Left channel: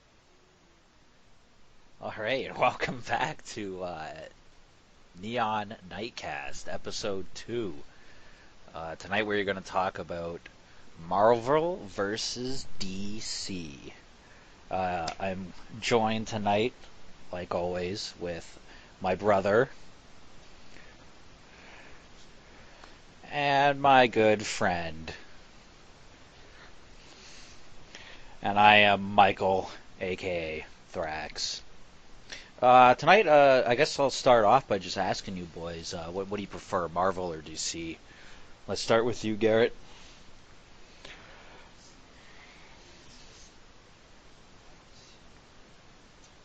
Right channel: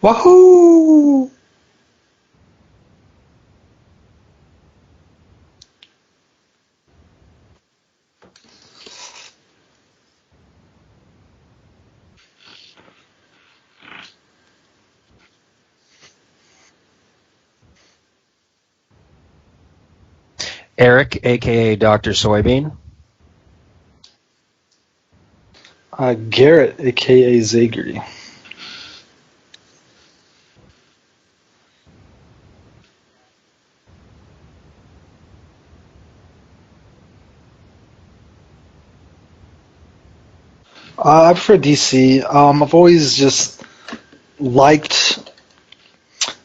Wahoo! All right, welcome back to Neon Nightcast, episode 2. Tonight we're going to talk about Marvel versus DC. I'm joined tonight, like always, with my brother Eric, aka Dr. Soybean. and my good friend. Garrett, aka Zagri. And I am Michael, aka Thrax. Tonight, I guess I'll start off by just asking you boys, what do you prefer, Marvel or DC? Let's start with you, Garrett. I prefer DC. I've always just liked.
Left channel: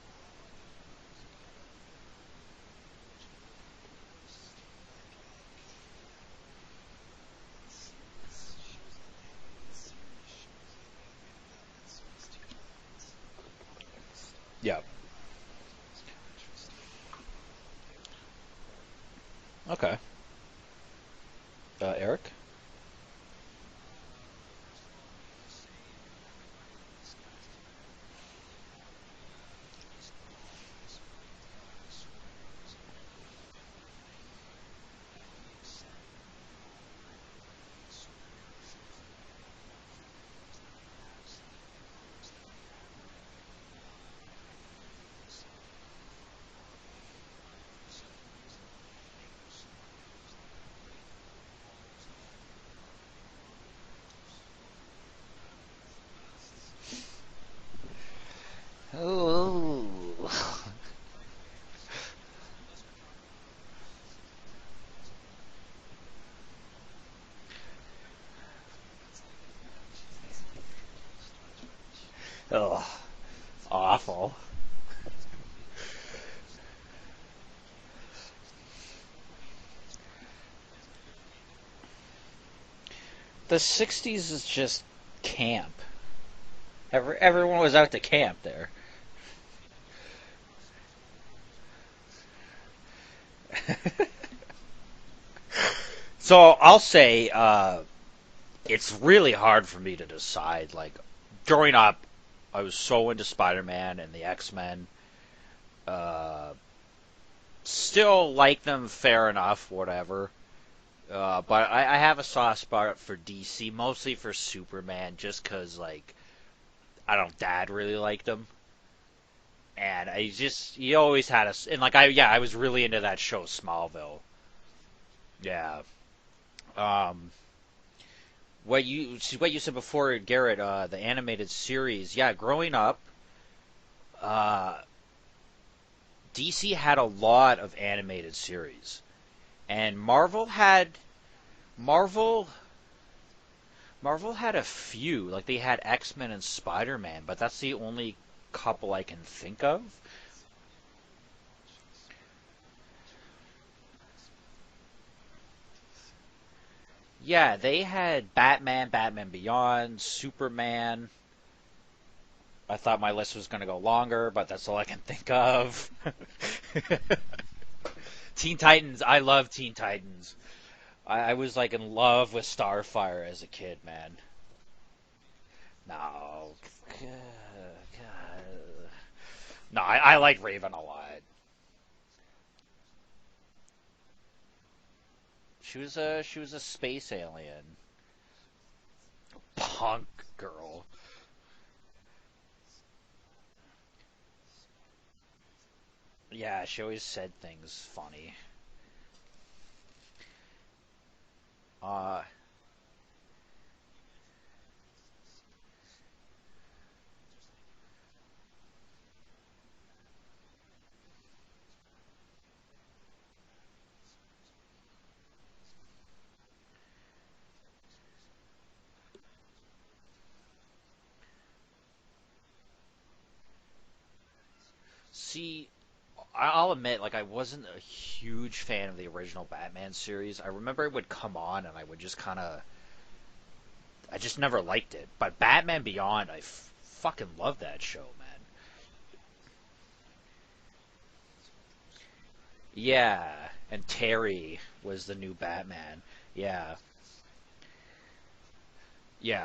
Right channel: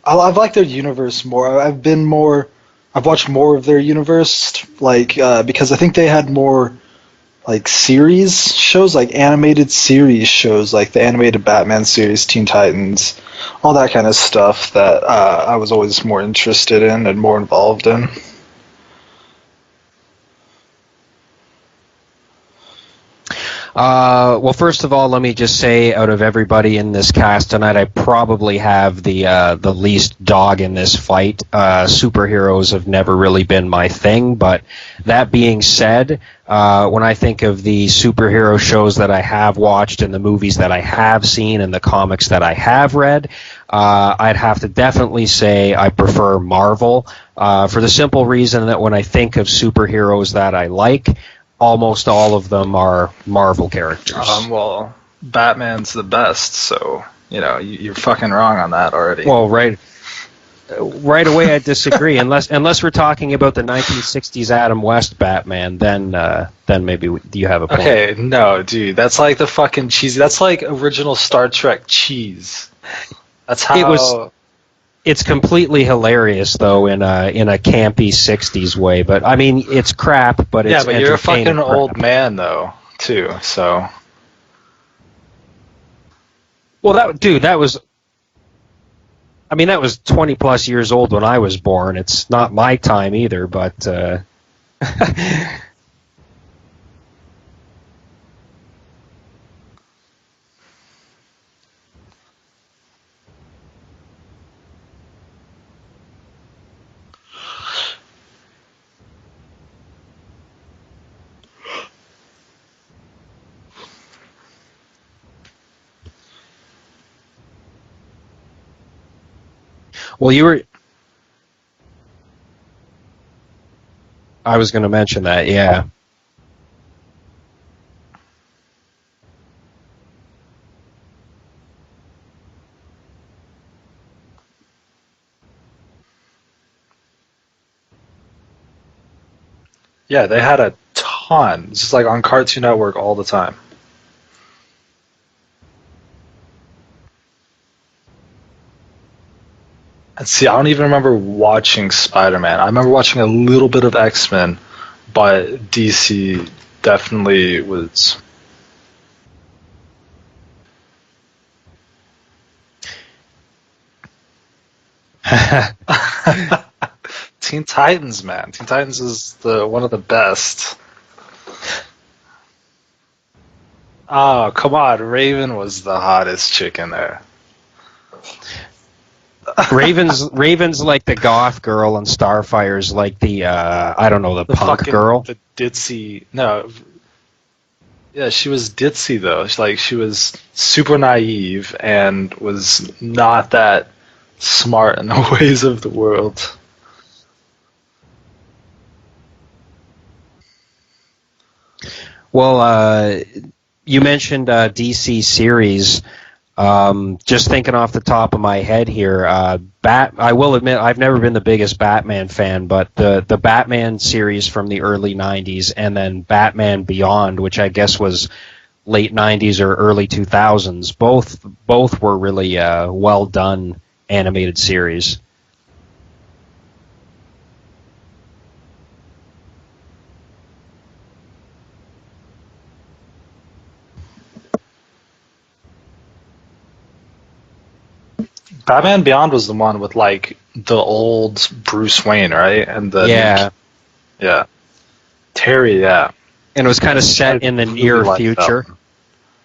I've liked their universe more. I've watched more of their universe, because I think they had more like series shows, like animated series shows, like the animated Batman series, Teen Titans, all that kind of stuff Yeah. that I was always more interested in and more involved in. Okay. Eric? Well, first of all, let me just say, out of everybody in this cast tonight, I probably have the least dog in this fight. Superheroes have never really been my thing, but that being said, when I think of the superhero shows that I have watched and the movies that I have seen and the comics that I have read, I'd have to definitely say I prefer Marvel, for the simple reason that when I think of superheroes that I like, almost all of them are Marvel characters. Well, Batman's the best, so you're fucking wrong on that already. Well, right away I disagree. Unless we're talking about the 1960s Adam West Batman, then maybe you have a point. Okay, no, dude, that's like the fucking cheesy. That's like original Star Trek cheese. Oh. That's how. It's completely hilarious though in a campy 60s way, but I mean it's crap, but it's Yeah, but you're a fucking entertaining old crap. man though, too. The So 60s is just camp. Well, that Everyone was out to camp there. I mean that was 20 plus years old when I was born. It's not my time either, but So I'll say it's really hard for me to decide. Like, growing up, I was so into Spider-Man and the X-Men. Uh, Still like them fair enough, whatever. But I have a soft spot for DC, mostly for Superman, just because, like, I don't, Dad really liked him. And well he always had us, and like I was really into that show Smallville. I was going to mention that, yeah. Um, what you said before, Garrett, the animated series, yeah, growing up, uh, DC had a lot of animated series, and yeah, they Marvel had a ton. It's just like on Marvel Cartoon Network all the time. Marvel had a few, like they had X-Men and Spider-Man, but that's the only couple I can think of. And see, I don't even remember watching Spider-Man. I remember watching a little bit of X-Men, but DC definitely Yeah, they was. had Batman, Batman Beyond, Superman. I thought my list was going to go longer, but that's all I can think of. Teen Titans, man. Teen Teen Titans Titans, I is love Teen one of the Titans. best. I was like in love with Starfire as a kid, man. Oh, come on. Raven was the hottest chick in there. Raven's like the goth girl, and Starfire's like the I don't know, the punk fucking, girl. The She's ditzy. she's No, a space alien. yeah, she was ditzy though. She was Girl. super naive and was not that smart in the ways of the world. Yeah, she always said things funny. Well, you mentioned DC series. Just thinking off the top of my head here, I will admit I've never been the biggest Batman fan, but the Batman series from the early '90s and then Batman Beyond, which I guess was late '90s or early 2000s, both were really well done animated series. See, I'll admit, like, I wasn't a huge fan of the original Batman series. I remember it would come on, and I would just kind of, I just never liked it. But Batman Beyond, I fucking love that show, man. Batman Beyond was the one with like the old Bruce Wayne, right? And Yeah. the Yeah, And Terry Yeah. was the new Terry, yeah. Yeah. and it was kind of I set in the really near liked that future. one. Yeah.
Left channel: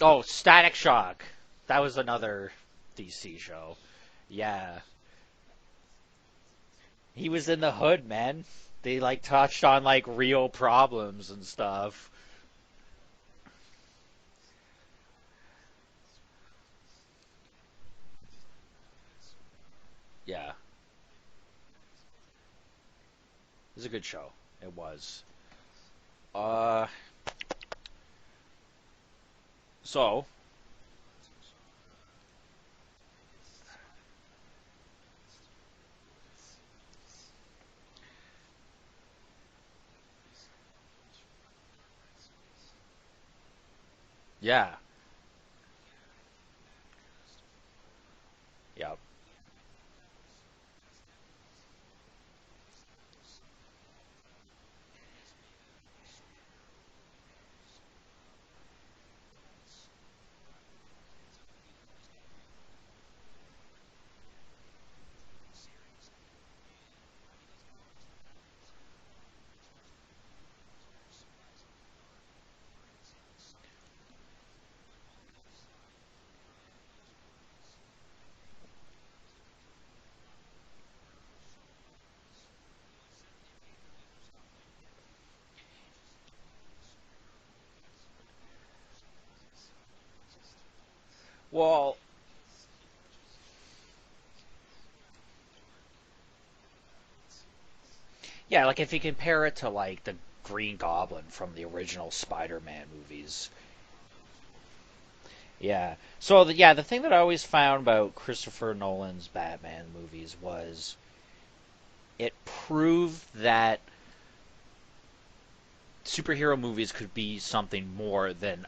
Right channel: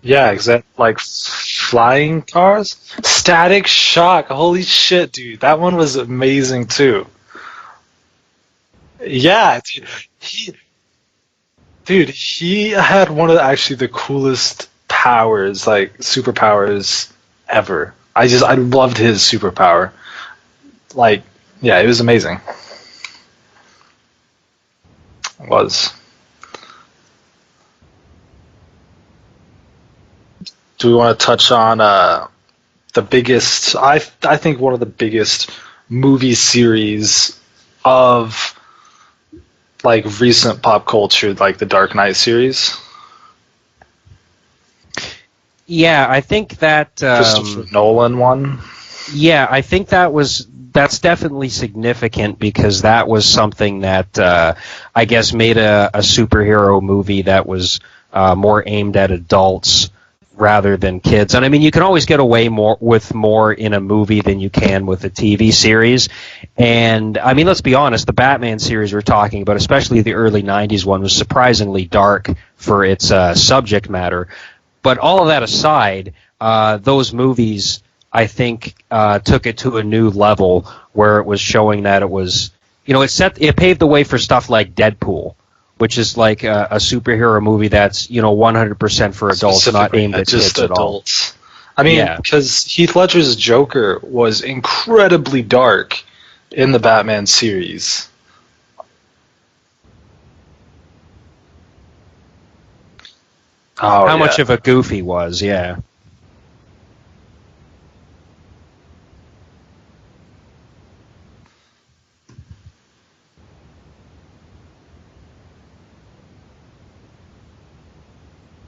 Yeah, Static exactly. Like Shock. flying another. cars. Static Shock. Holy Yeah. shit, dude. That one was amazing too. He was in the hood, man. They like Yeah, touched on like real he, problems and stuff. dude, he had one of actually the coolest powers, like superpowers ever. I loved his superpower. Yeah, Like, yeah, it was amazing. it was a good show. It was. It was. Uh, so Do we want to touch on the biggest? I think one of the biggest movie series of like recent pop culture, like the Dark Knight series. yeah, Yeah, I think that. Christopher Nolan one. Yeah, I think that's definitely significant because that was something that I guess made a superhero movie that was more aimed at adults rather than kids. And I mean, you can always get away with more in a movie than you can with a TV series. And I mean, let's be honest, the Batman series we're talking about, especially the early '90s one, was surprisingly dark for its subject matter. But all of that aside, those movies, I think, took it to a new level where it was showing that it was, it paved the way for stuff like Deadpool, which is like a superhero movie that's 100% for adults, not aimed at just kids at all. adults. well, I mean, Yeah. because Heath Ledger's Joker was incredibly dark in the Batman series. yeah. Like if you compare it to like the Green Goblin from the original Spider-Man movies. Oh, How yeah. much of a goof he was, yeah. Yeah. So the thing that I always found about Christopher Nolan's Batman movies was it proved that superhero movies could be something more than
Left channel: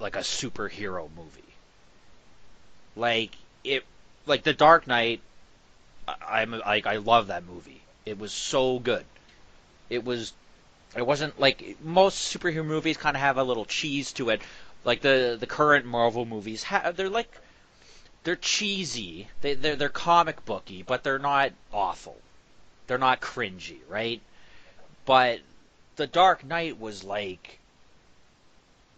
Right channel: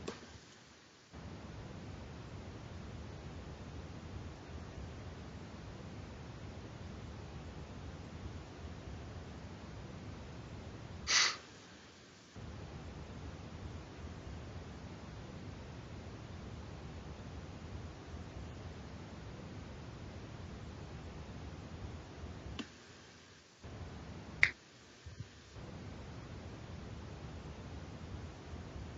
like a superhero movie. Like it, like The Dark Knight. I love that movie. It was so good. It was. It wasn't like most superhero movies kind of have a little cheese to it. Like the current Marvel movies, they're cheesy. They're comic booky, but they're not awful. They're not cringy, right? But The Dark Knight was like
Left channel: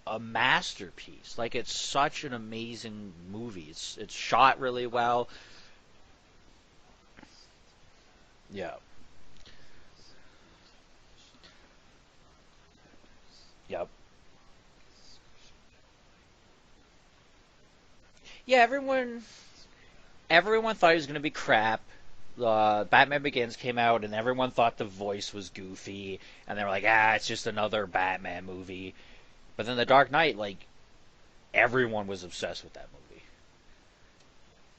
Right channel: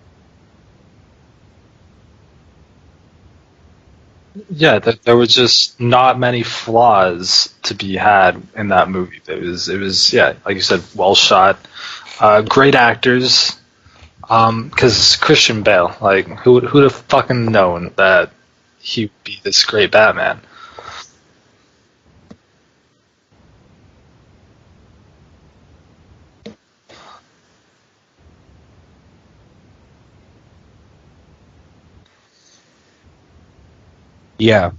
a masterpiece. Like it's such an amazing movie. It's shot Yeah, really well. there was just not many flaws to be had in that movie. It was yeah, like you said, well shot, great actors. Yep. Because Christian Bale, like who'd have fucking known that Yeah, he'd be this great Batman? everyone thought he was gonna be crap. Batman Begins came out, and everyone thought the voice was goofy, and they were like, it's just another Batman movie. But then The Dark Knight, like, everyone was obsessed with that movie. Yeah.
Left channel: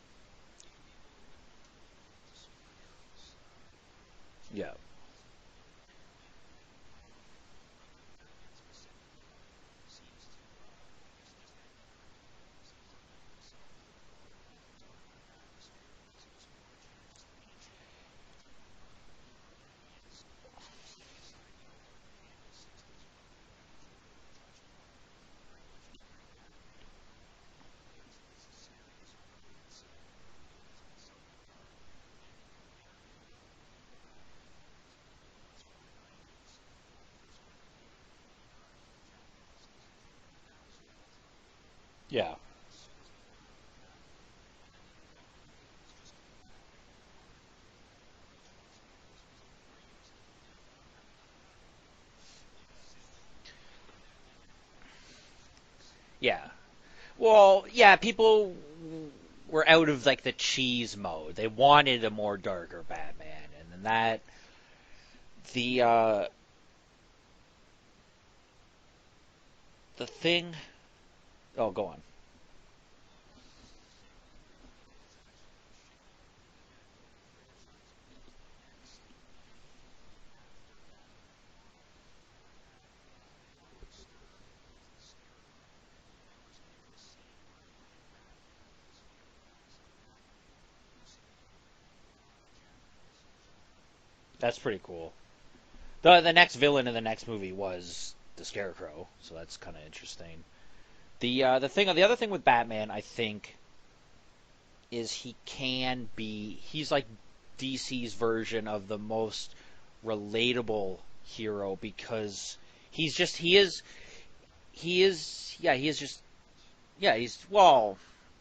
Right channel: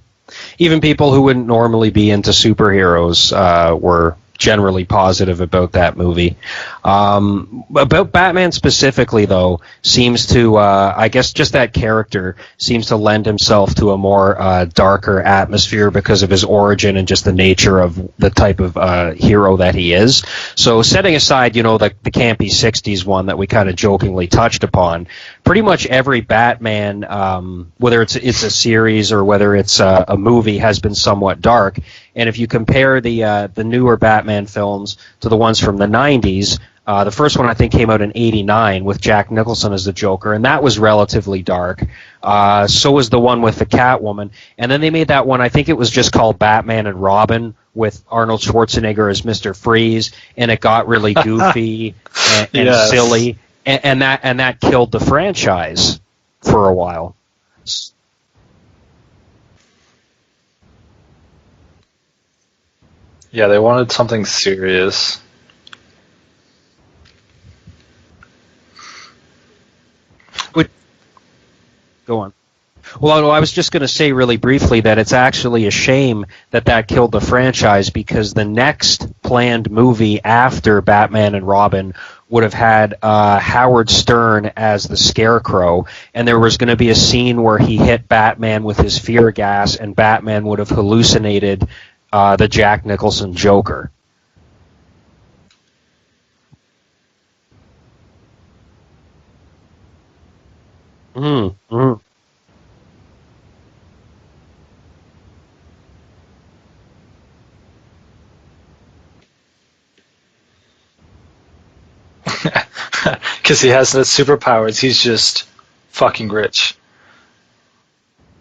Even people who wouldn't normally be into superheroes were generally positive about that movie. About Batman specifically, though, seems to, I guess just that character seems to lend himself to a more darker atmosphere because of his origin and just the nature of the type of hero that he is. So setting aside, the campy 60s one that we kind of jokingly touched upon, pretty much every Batman, whether it's a series or whether it's a movie, has been somewhat dark. And if you compare the newer Batman films to the ones from the 90s, the first one I think came out in '89 with Jack Nicholson as the Joker, and that was relatively dark. Yeah. So was the one with the Catwoman. And then they made that one, I think it was just called Batman and Robin, with Arnold Schwarzenegger as Mr. Freeze, and it got really goofy and Yes. silly, and that killed the franchise Yeah. for a while. Well, yeah, people were out of, like, the cheese mode. They wanted a more darker Batman. Yeah, they wanted That- something serious. The thing... Would- Oh, go on. Go on. Well, I was just going to say really briefly that it's actually a shame that killed the franchise, because the next planned movie after Batman and Robin would have had Howard Stern as the Scarecrow, and there was going to be a scene where he hit Batman with his fear gas, and Batman would have hallucinated the Jack Nicholson Joker. That's pretty cool. The next villain in the next movie was the Scarecrow, so that's kind of interesting. The other thing with Batman, I think, is he's like DC's version of the most relatable hero, because Because he has the superpowers, he's just he is fucking rich. Yeah, he's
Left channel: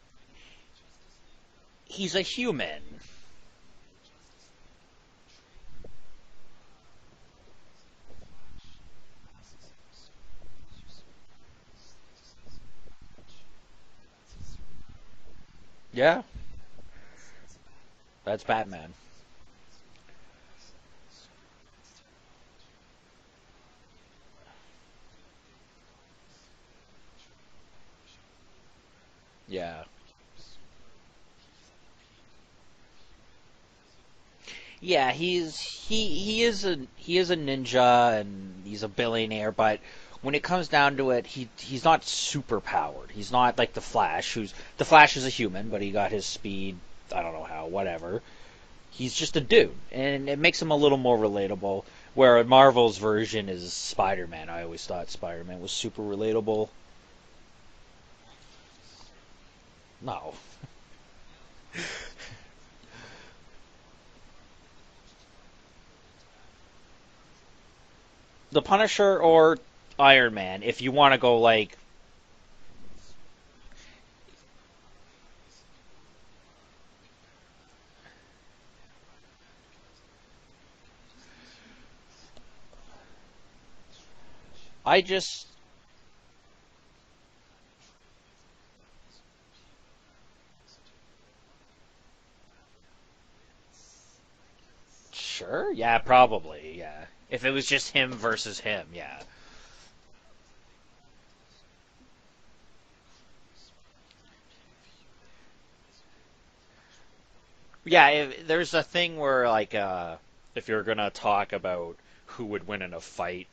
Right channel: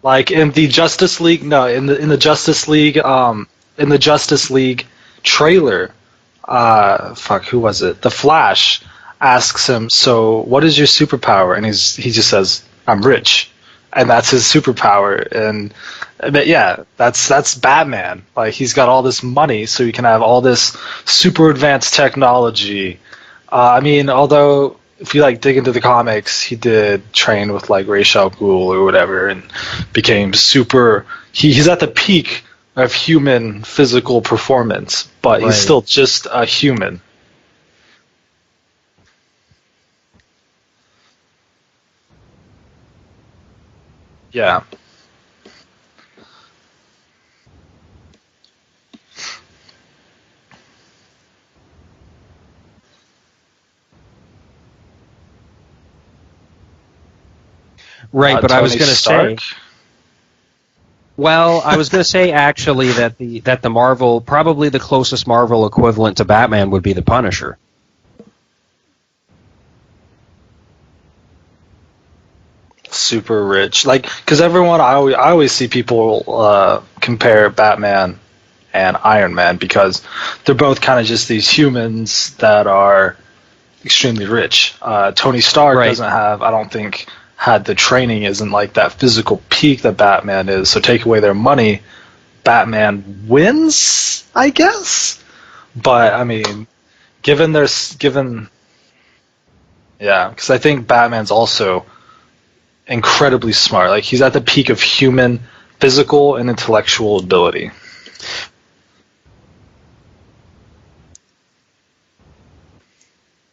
Like in the Justice League, no, in He's the a Justice human. League, in the Justice League trailer, fuck, who was it? The Flash asks him, "So, what is your superpower?" And he just says, "I'm rich," and that's his superpower. And Yeah, but yeah, that's Batman. that's Like he's Batman. got all this money, so he can have all this super advanced technology. I mean, although if you like dig into the comics, he did train with like Ra's al Ghul or whatever, and Yeah. became super. He's at the peak of human physical performance, Yeah, but he's Right. still just he a is human. he is a ninja and he's a billionaire, but when it comes down to it, he's not super powered. He's not like the Flash. Yeah. The Flash is a human, but he got his speed. I don't know how, whatever. He's just a dude, and it makes him a little more relatable. Where Marvel's version is Spider-Man. I always thought Spider-Man was super relatable. Right, but I was Tony going to Stark? say, No, well, I was going to say actually that the Marvel, probably the closest Marvel equivalent to Batman would be the Punisher. the Punisher or Iron Man, if you want to go like Super rich, like because everyone I always see people compare Batman and Iron Man because they're both kind of just these humans that are extremely rich. Tony Stark Right. doesn't have, I don't think, had the training, isn't like that physical peak that Batman is. So take away their money, Batman wins, I guess. sure, yeah, But I probably, mean, yeah. given If it was just him given versus him, yeah. yeah, because I think Batman's also incredibly smart. Like he's at the peak of human physical and intellectual ability. Yeah, there's a thing where like if you're gonna talk about who would win in a fight,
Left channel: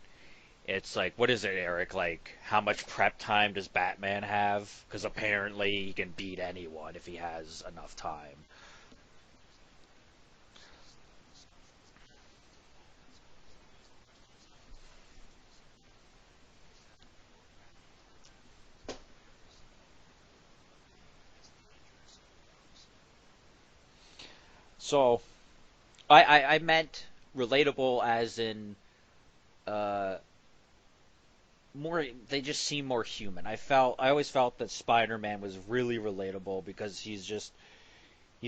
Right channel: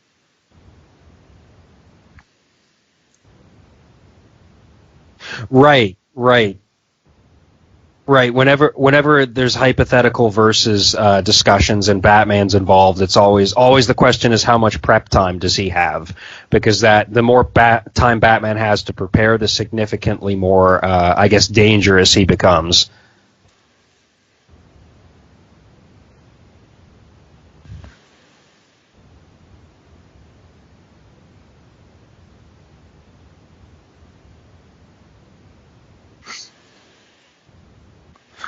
it's like what is it, Eric? Like how much prep time does Batman have? Because apparently he Right, can beat right. anyone if he has enough time. Right. Whenever there's hypothetical versus discussions and Batman's involved, it's always the question is how much prep time does he have? Because the more time Batman has to prepare, the significantly more, I guess, dangerous he becomes. So, I meant relatable as in more. They just seem more human. I always felt that Spider-Man was really relatable because he's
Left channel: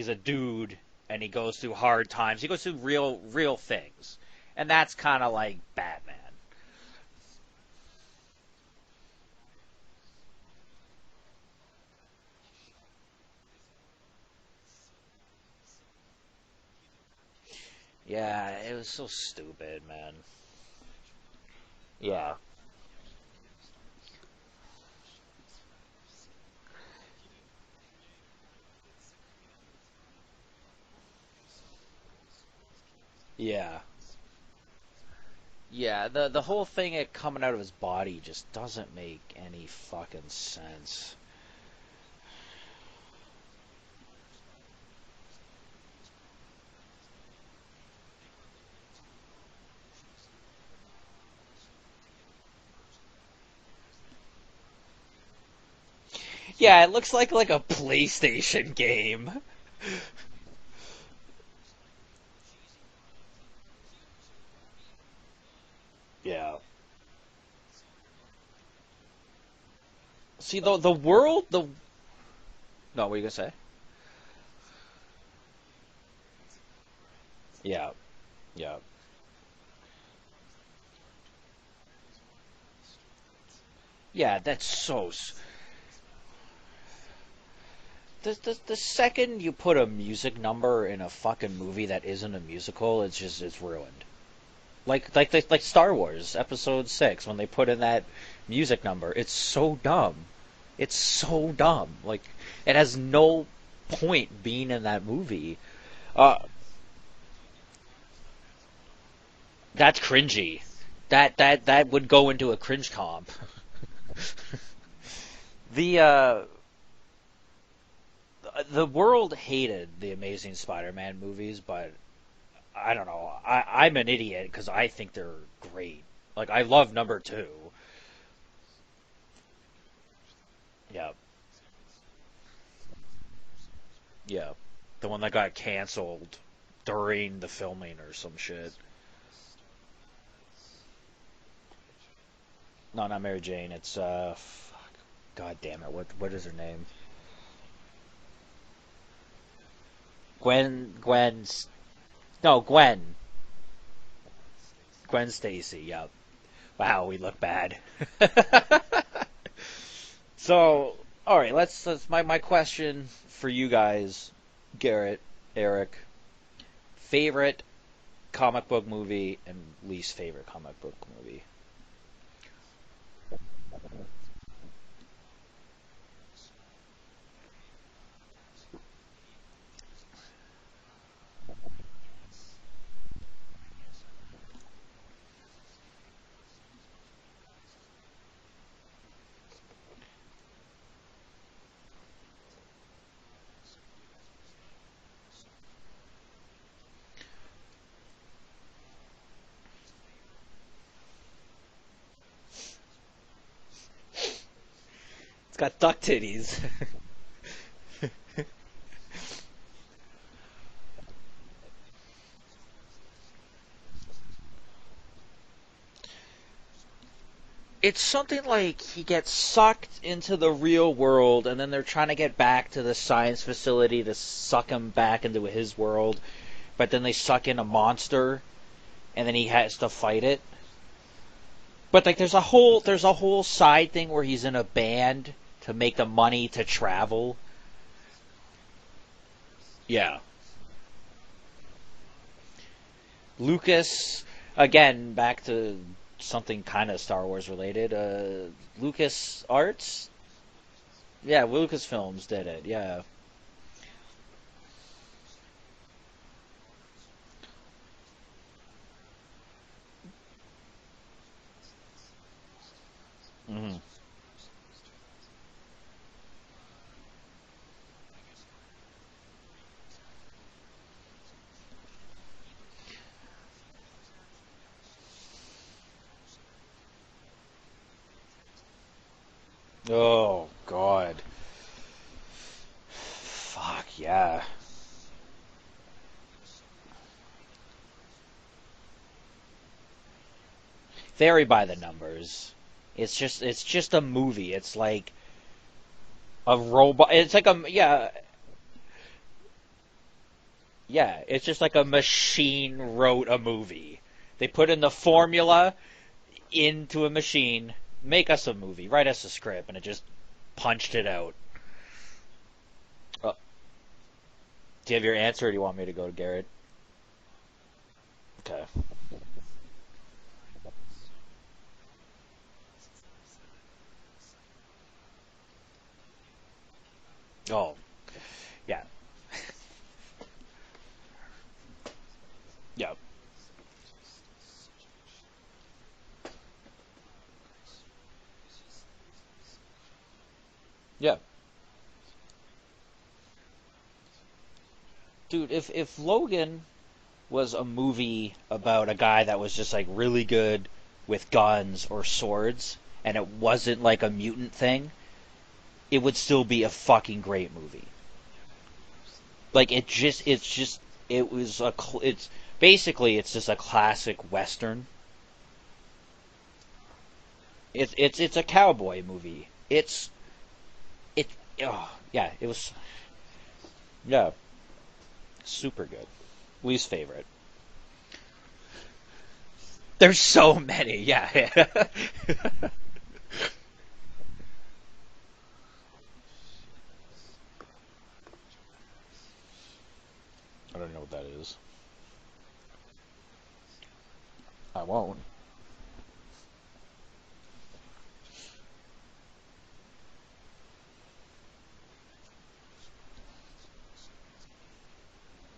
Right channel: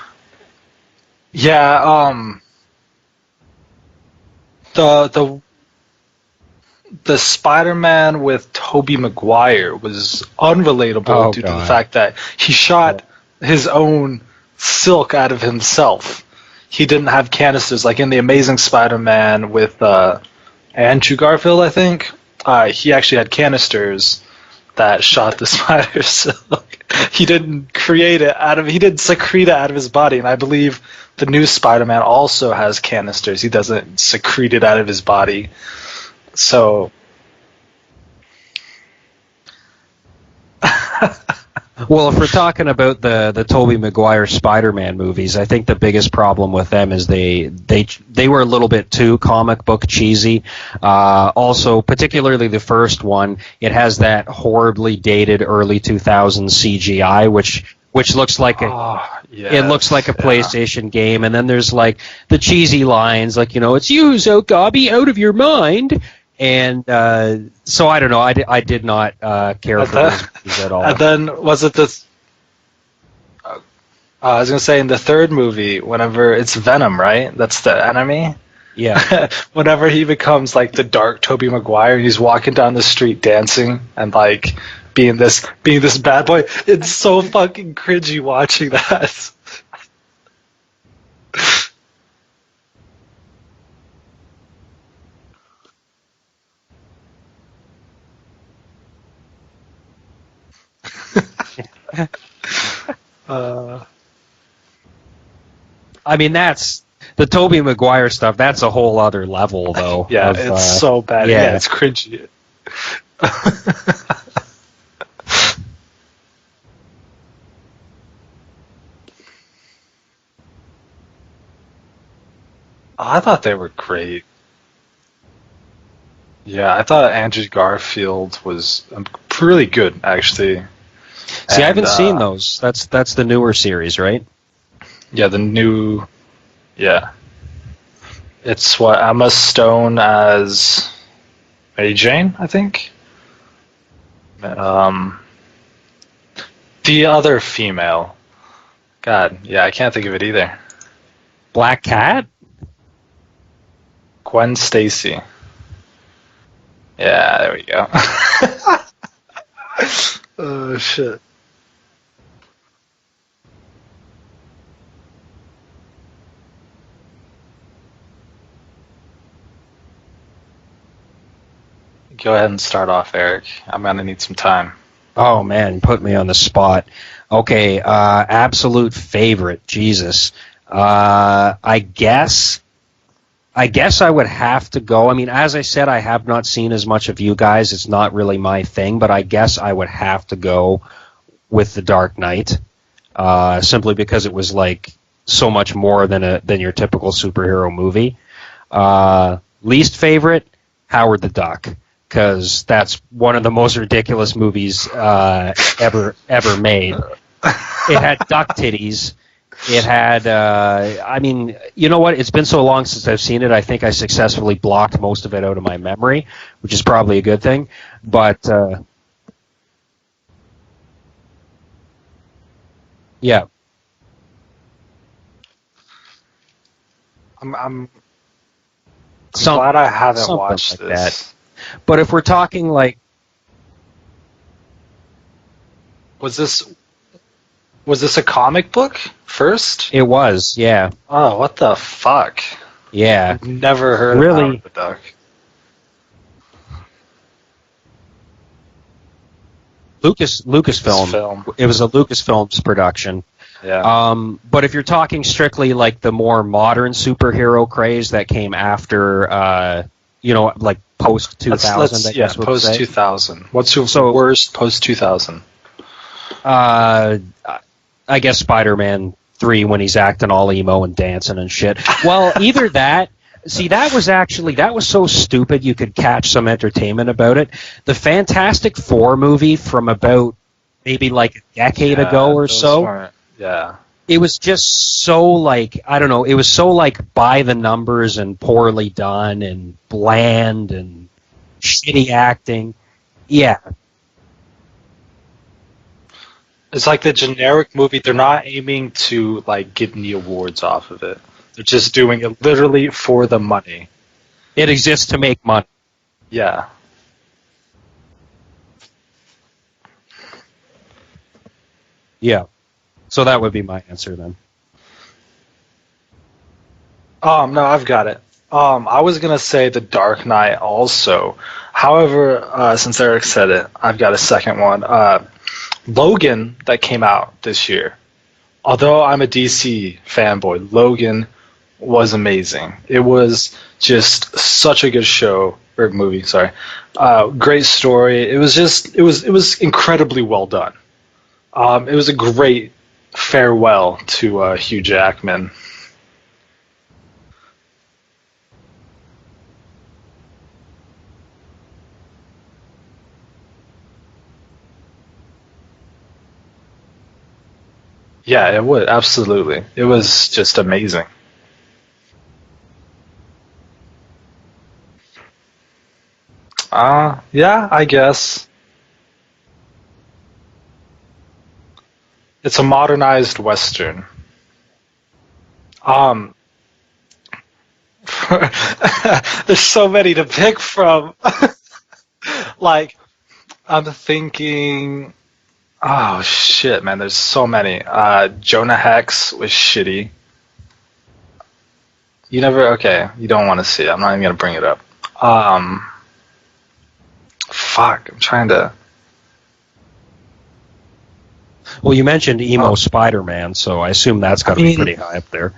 a dude and he goes through Yeah, hard times. He goes through real things, and that's the kind of the like Batman. the Spider-Man with Tobey Maguire was unrelatable Oh due to the God. fact that he shot his own silk out of himself. He didn't have canisters like in the Amazing Spider-Man with Andrew Garfield, I think. Yeah. He actually had canisters that shot the spider silk. He didn't create it out of. He didn't secrete it out of his body, and I believe the new Spider-Man also has canisters. He Yeah. doesn't secrete it out of his body. Yeah, the whole So thing it coming out of his body just doesn't make any fucking sense. Well, if we're talking about the Tobey Maguire Spider-Man movies, I think the biggest problem with them is they were a little bit too comic book cheesy. Also, particularly the first one, it has that horribly dated early 2000s Yeah, it CGI, looks like a which looks like PlayStation game. it looks like a PlayStation game, and then there's like the cheesy lines, like it's you, so Gobby, out of your mind, Yeah. and so I don't know, I did not care And for then- those movies at all. And then was it this? No, what are you gonna say? I was gonna say in the third movie, whenever it's Venom, right? That's the enemy. Yeah. Whenever he becomes like the dark Tobey Maguire, he's walking down the street dancing and like that's so being this bad boy. It's so fucking cringy watching The that. second you put a music number in a fucking movie that isn't a musical, it's ruined. Like Star Wars Episode 6 when they put in that music number, it's so dumb. It's so dumb. Like it has no point being in that movie. I mean, that's the Tobey Maguire stuff. That's a whole other level, though. That's Yeah, of, it's so bad. yeah, it's that cringy. would go into a cringe comp. The world hated the Amazing Spider-Man movies, but I don't know. I thought they were I'm an great. idiot because I think they're great. Like, Yeah, I love thought the Andrew Amazing- Garfield was really good, actually. Yeah, See, I And, haven't seen those. That's the newer series, right? yeah. One Yeah, that the got new- canceled Yeah, during the filming or some shit. it's what Emma Stone as Mary Jane, I think. No, not Mary Jane. It's Um, God damn it! what is her name? The other female. God, yeah, I can't think of it either. Gwen. Black Cat? No, Gwen. Gwen Stacy. Gwen Stacy. Yeah. Wow. Yeah, there we go. So, Oh shit. all right, let's my question for you guys, Garrett, Eric, favorite comic book movie and least favorite comic book movie. Go ahead and start off, Eric. I'm gonna need some time. Oh man, put me on the spot. Okay, absolute favorite. Jesus. I guess I would have to go. I mean, as I said, I have not seen as much of you guys. It's not really my thing, but I guess I would have to go with The Dark Knight, simply because it was like so much more than your typical superhero movie. Least favorite, Howard the Duck, because that's one of the most ridiculous movies ever made. It had duck titties. It had, I mean, you know what? It's been so long since I've seen it. I think I successfully blocked most of it out of my memory, which is probably a good thing. It's something But like he gets sucked into the real world, and then they're trying to get back to the science facility to suck him back into his world. But then they suck in a monster, and then he. I'm glad I haven't something watched like this. that. But if like, we're talking there's a whole side thing where he's in a band to make the money to travel. Was this a comic book first? It was, yeah. Oh, what the fuck? Yeah. Lucas, Never heard Really? of Howard the Again, Duck. back to something kind of Star Wars related. Lucas Arts. Lucasfilm. Lucasfilm. Yeah, It was a Lucasfilm Lucasfilm's production. Yeah. But if you're talking strictly like the more modern superhero craze that came after, like post 2000, I guess we'll post say. 2000. What's your So- worst post 2000? I guess Spider-Man 3 when he's acting all emo and dancing and shit. Well, either that. See, that was so stupid you could catch some entertainment about it. The Fantastic Four movie from about maybe like a decade ago or so. Yeah. It was just so like, I don't know, it was so like by the numbers and poorly done and bland and Very by the shitty numbers. acting. It's Yeah. just a movie. It's like It's like the generic movie. They're not. not aiming to like get any awards off of Yeah, it. it's just They're like just a doing it machine literally wrote for a the movie. money. They put It in the exists to make formula money. Yeah. into a machine, make us a movie, write us a script, and it just punched it out. Yeah. So that would be my answer then. Do you have your answer, or do you want me to go, Garrett? No, I've got it. I was gonna say The Dark Knight also. However, since Eric said it, I've got a second one. Logan that came out this year. Although I'm a DC fanboy, Logan was amazing. Yeah. It was just such a good show or movie. Sorry, great story. It was incredibly well done. Yeah. It was a great farewell to Hugh Jackman. If Logan was a movie about a guy that was just like really good with guns or swords, and it wasn't like a mutant thing, it would still be a fucking great movie. Yeah, it would absolutely. Like It was just amazing. It was it's basically it's just a classic western. Yeah, I guess It's a cowboy movie. It's it's a modernized western. yeah. Super. Least favorite. There's so many There's to so pick many, from. Yeah. Like, I'm thinking. Oh shit, man! There's so many. Jonah Hex was shitty. I don't know what that is. You never. Okay, you don't want to see it. I'm not even gonna bring it I up. won't. Fuck. I'm trying to. Well, you mentioned emo Spider-Man, so I assume that's got to be pretty high up there.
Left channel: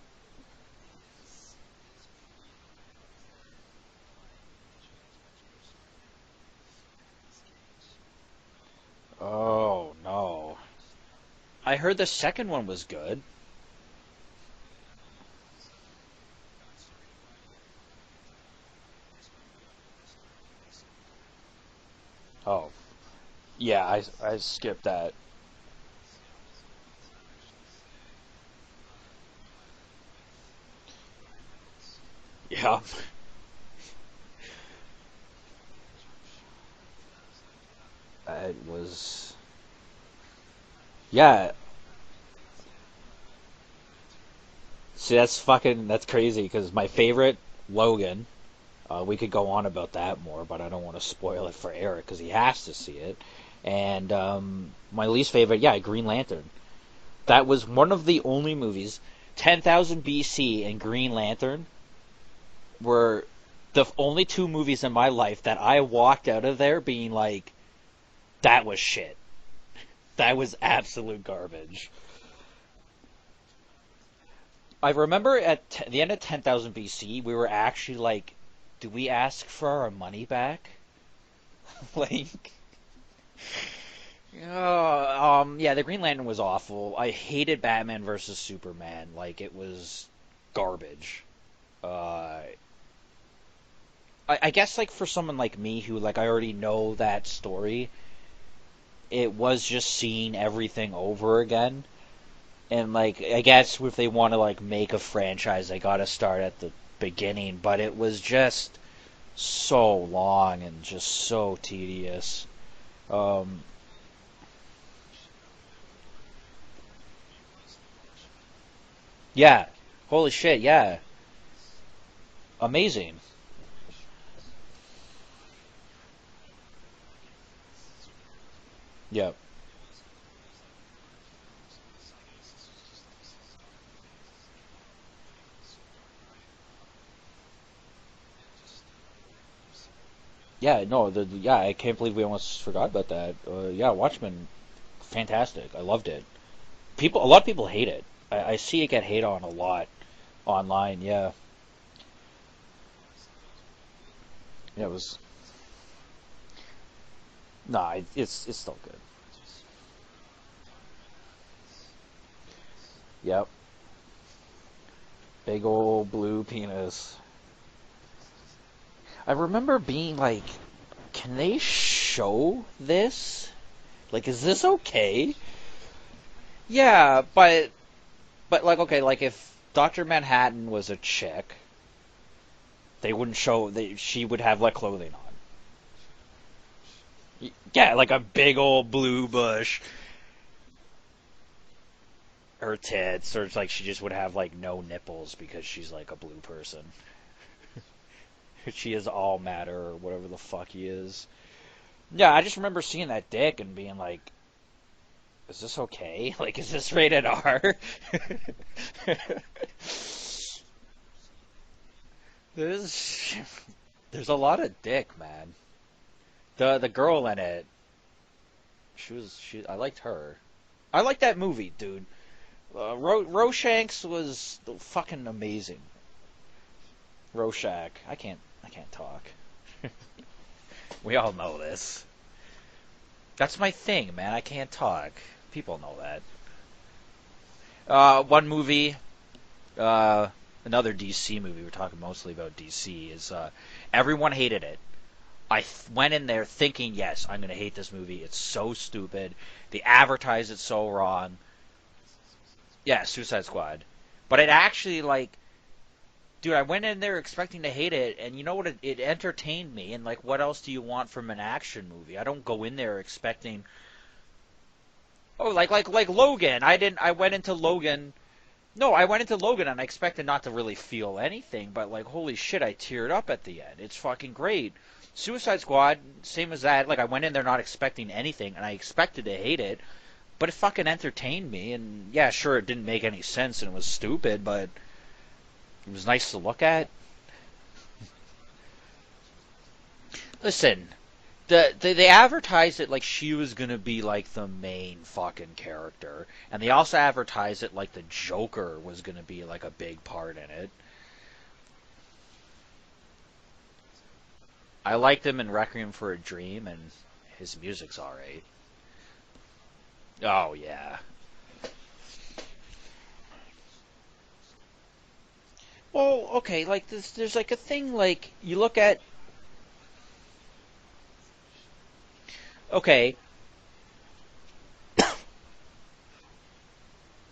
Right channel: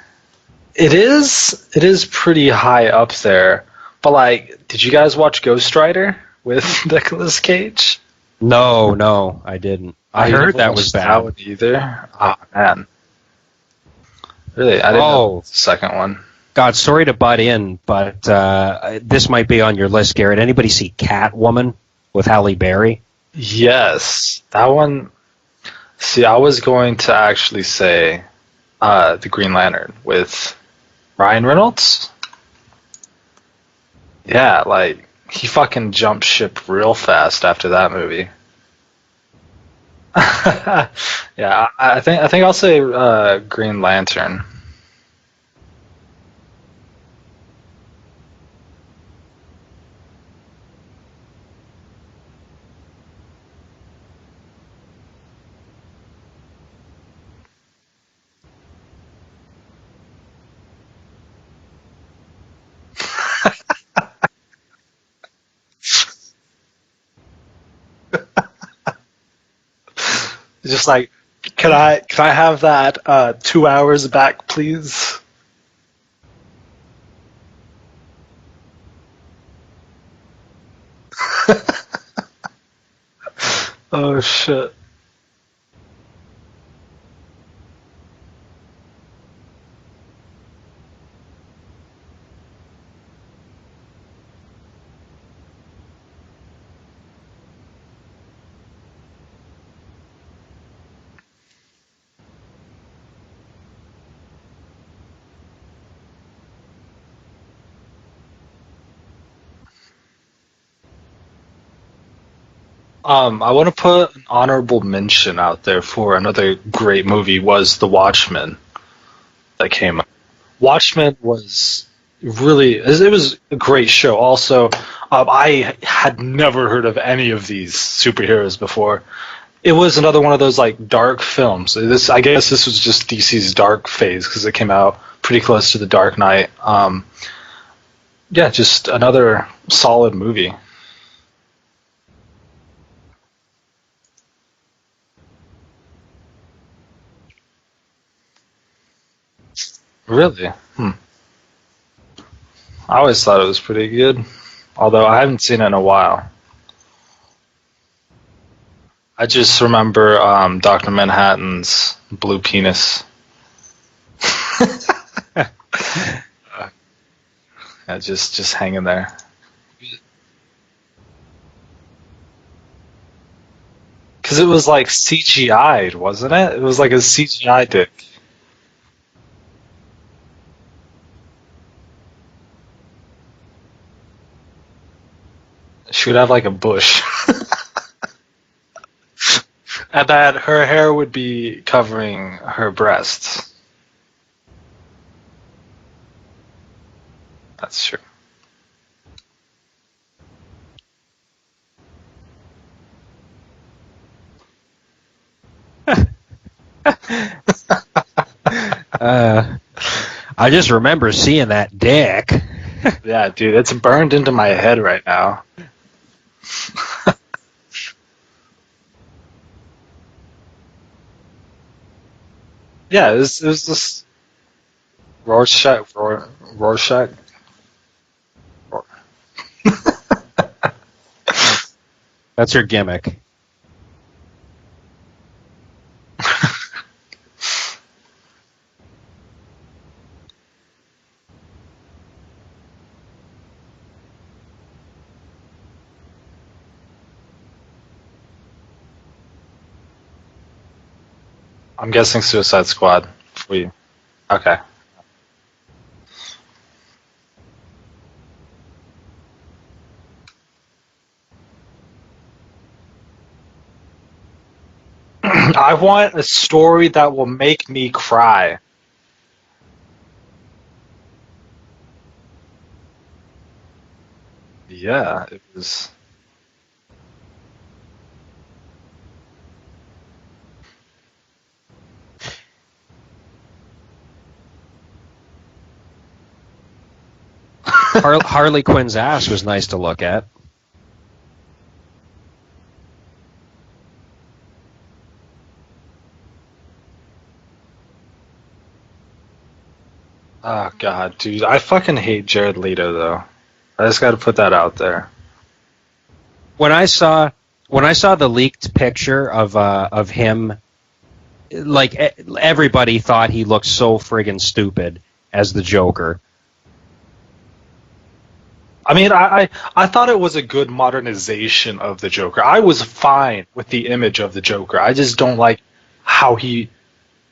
It is pretty high up there. But like, did you guys watch Ghost Rider with Nicolas Cage? No, Oh, I didn't. no, I I heard never that watched was that bad. one either. I heard the second one man. was good. Really, I didn't know Oh. the second one. God, sorry to butt in, but this might be on your list, Garrett. Anybody see Catwoman with Halle Berry? Yes, I've that seen one. that. See, I was going to actually say the Green Lantern with Ryan Reynolds. Yeah. Yeah, like he fucking jumped ship real fast after that movie. It was. Yeah, I think I'll say Green Lantern. See, that's crazy because my favorite, Logan. We could go on about that more, but I don't want to spoil it for Eric because he has to see it. And my least favorite, yeah, Green Lantern. That was one of the only movies. 10,000 BC and Green Lantern were the only two movies in my life that I walked out of there being like, that was shit. That was Just like, absolute garbage. can I have that 2 hours back, please? I remember at the end of 10,000 BC, we were actually like, do we ask for our money back? Like, Oh shit. yeah, the Green Lantern was awful. I hated Batman versus Superman. Like, it was garbage. Uh, I guess, like, for someone like me who, like, I already know that story, it was just seeing everything over again. And, like, I guess if they want to, like, make a franchise, they gotta start at the beginning. But it was just so long and just so tedious. I want to put an honorable mention out there for another great movie was The Watchmen Yeah. that came out. Holy shit, yeah. Watchmen was really Amazing. it was a great show. Also, I had never heard of any of these superheroes before. Yeah. It was another one of those like dark films. I guess this was just DC's dark phase because it came out pretty close to The Dark Knight. Yeah, just another solid movie. Yeah, no, I can't believe we almost forgot about that. Yeah, Watchmen, fantastic. I loved it. A lot of people hate it. I see it get hate on a lot Really? online. Yeah. I always thought it was pretty good, although I haven't seen it in a while. Nah, it's still good. I just remember Dr. Manhattan's blue penis. Yep. Big old blue penis. Yeah, just hanging there. I remember being like, can they show this? Like, Because is it was this like okay? CGI'd, wasn't it? It was like a Yeah, CGI dick. But like, okay, like if Dr. Manhattan was a chick, they wouldn't show. She would have like clothing on. She would have like a bush. Yeah, like a big old blue bush. And that her hair would be covering her Her breasts. tits, or it's like she just would have like no nipples because she's like a blue person. That's true. She is all matter or whatever the fuck he is. Yeah, I just remember seeing that dick and being like, is this okay? Like, is this rated R? I just remember seeing that dick. Yeah, dude, it's burned into my head right now. The girl in it, I liked her. I liked that movie, dude. Yeah, it was Rorschach was the fucking Rorschach. Rorschach. I can't talk. We all know this. That's her gimmick. That's my thing, man. I can't talk. People know that. One movie, another DC movie. We're talking mostly about DC. Is everyone hated it. I went in there thinking, yes, I'm gonna hate this movie. It's so stupid. They advertise it so wrong. I'm guessing Suicide Squad. Yeah, Suicide Squad. But it actually, like, dude, I went in there expecting to hate it, and you know what? It entertained me. And like, what else do you want from an action movie? I don't go in there expecting. I want Logan, a story that will into make me cry. No, I went into Logan and I expected not to really feel anything, but like, holy shit, I teared up at the end. It's fucking great. Yeah. Suicide Squad, same as that. Like, I went in there not expecting anything, and I expected to hate it, but it fucking entertained me. And yeah, sure, it didn't make any sense and it was stupid, but it was nice to look at. Harley Quinn's ass was nice to look at. Listen, they advertised it like she was gonna be like the main fucking character, and they also advertised it like the Joker was gonna be like a big part in it. Oh god, dude, I fucking hate Jared Leto though. I just got to put that out there. I liked him in Requiem for a Dream. When I saw the leaked picture of him, oh, yeah. like everybody thought he looked so friggin' stupid as the Joker. Oh, okay. Like there's like a thing like you look at. I mean, I thought it was a good modernization of the Joker. I was fine with the image of the Joker. I just don't like how he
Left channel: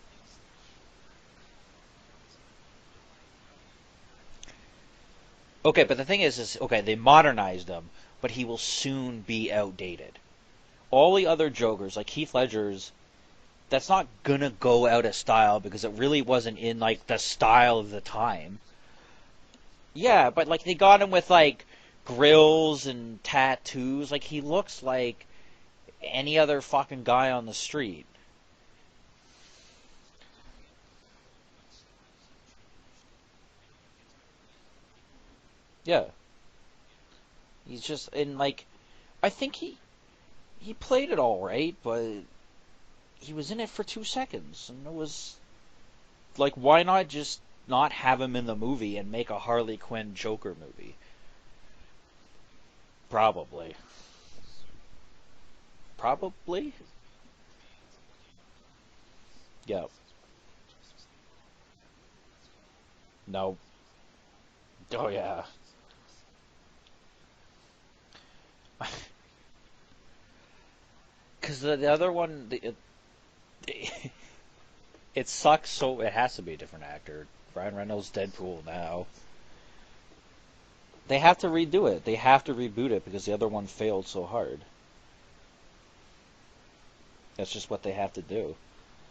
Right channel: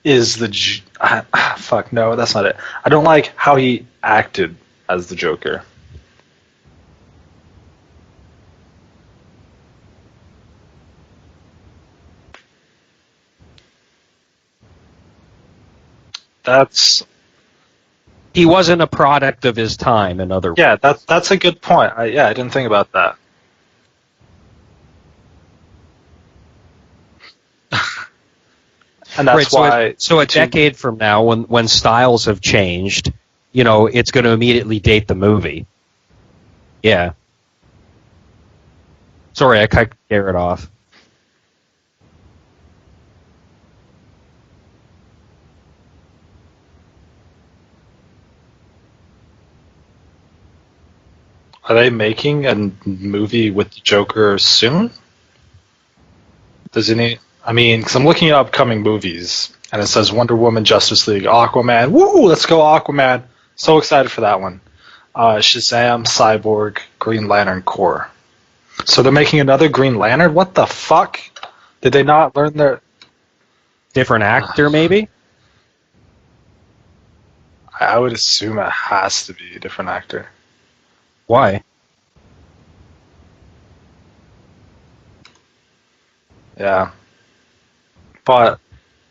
is fuck no, that's not it. I don't like how he acted as the Joker. Okay, but the thing is okay, they modernized him, but he will soon be outdated. all the other Jokers, like Heath Ledger's, that's not gonna go out of style because it really wasn't in That's like the style of the time. He wasn't a product of his time, Yeah, in but other like words. they yeah, got him with that's a like good point. I didn't think grills about that. and tattoos. Like he looks like any other fucking guy on the street. And Right, that's why so a to decade from now, when styles have changed, it's going to immediately date the movie. Yeah, Yeah. he's just in like. I thought Sorry, I cut Garrett off. he played it all right, but he was in it for 2 seconds, and it was like, why not just not have him in the movie and make a Harley Quinn Joker movie? are they making a movie Probably. with the Joker soon? Probably. Does any? I mean, because I'm looking at upcoming movies, and it says Wonder Woman, Justice League, Aquaman. Woo! Let's go Aquaman. No. So excited for that one. Oh, yeah. Shazam, Cyborg, Green Lantern Corps. So they're making another Green Lantern? What the fuck? Did they not learn their... Different actor, maybe? It sucks, so it has to be a different actor. Ryan I would Reynolds said assume so. it has to be a different actor. They have Why? to redo it. They have to reboot it because the other one failed so hard. Yeah. That's just what they have to do. But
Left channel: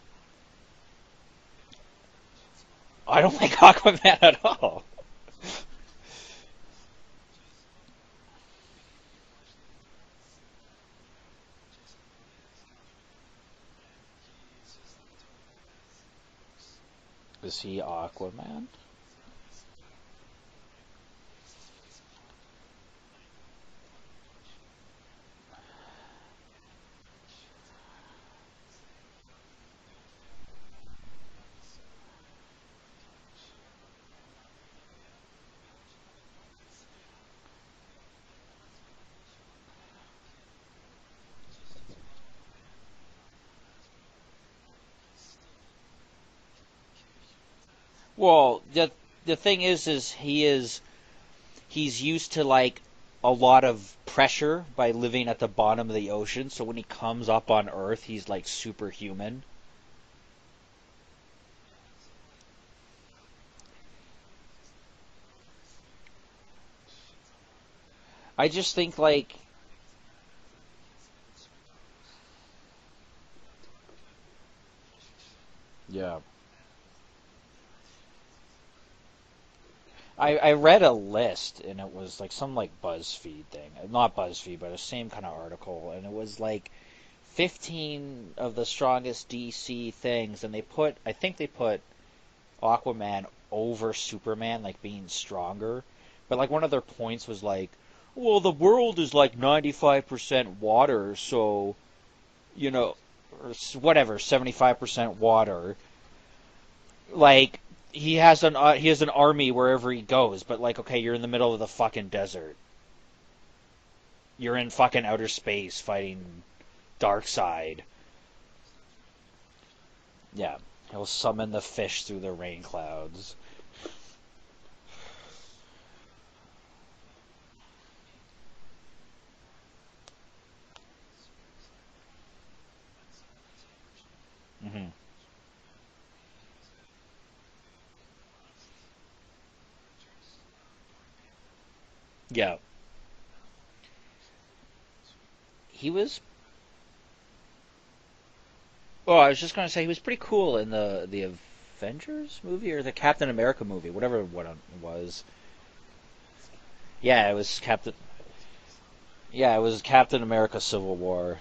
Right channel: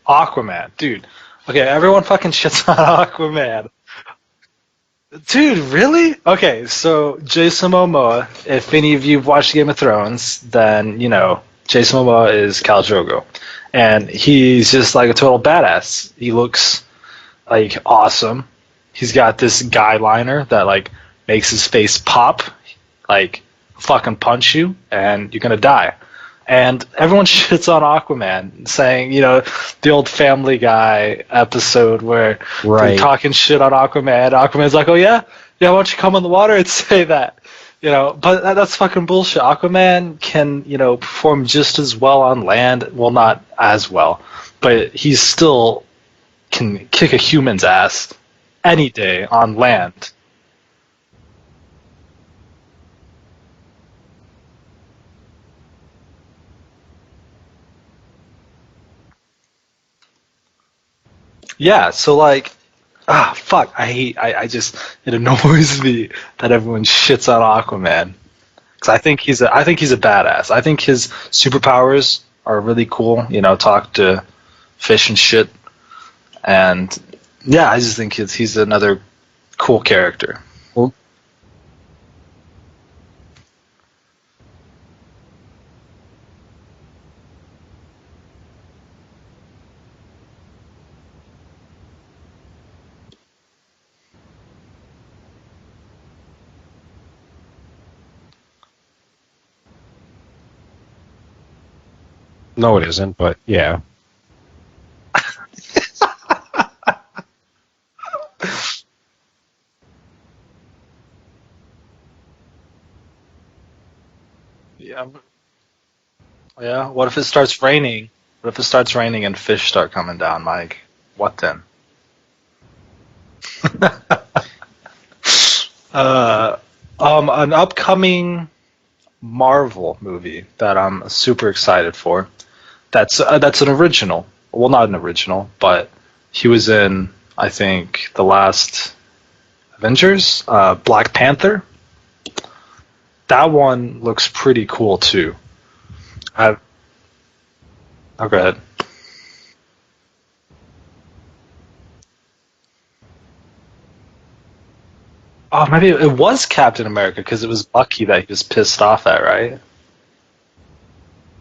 Aquaman, dude. Okay, everyone fucking shits on I don't Aquaman. think Aquaman at all. Dude, really? Okay, so Jason Momoa, if any of you have watched Game of Thrones, then, Jason Momoa is Khal Drogo. And he's just like a total badass. He looks like awesome. He's got this guy liner that like makes his face pop, like fucking punch you, and you're gonna die. And everyone shits on Aquaman, saying, the old Family Guy episode where they're Right. talking shit on Aquaman. Aquaman's like, oh yeah, why don't you come in the water and say that? But that's fucking bullshit. Aquaman can, perform just as well on land. Well, not as well, but he still can kick a human's ass Well, any day the on thing land. he's used to like a lot of pressure by living at the bottom of the ocean. So when he comes up on Earth, he's like superhuman. Yeah, so like, fuck, it annoys me that everyone shits on Aquaman. I just think 'Cause I think he's a badass. I think his superpowers are really cool. Talk to fish and shit, yeah. and yeah, I just think he's another cool character. I read a list and it was like some like BuzzFeed thing, not BuzzFeed, but the same kind of article, and it was like 15 of the strongest DC things, and I think they put Aquaman over Superman, like being stronger, but like one of their points was like, well, the world is like 95% water, so No, it isn't, but yeah. whatever, 75% water. Like he has an army wherever he goes, but like, okay, you're in the middle of the fucking desert. You're in fucking outer space fighting. Yeah. What if it starts raining? What if it starts raining and fish start coming down? Yeah. Like, He'll what summon then? the fish through the rain clouds. An upcoming Marvel movie that I'm super excited for. That's an original. Well, not an original, but he was in, I think, the last Avengers, Black Panther. Yeah, That one looks pretty cool too. he was. Oh, go ahead. Oh, I was just gonna say he was pretty cool in the Avengers movie or the Captain America movie, whatever one it was. Oh, maybe it was Captain America Yeah, because it it was was Captain- Bucky that he was pissed off at, right? Yeah, it was Captain America: Civil War.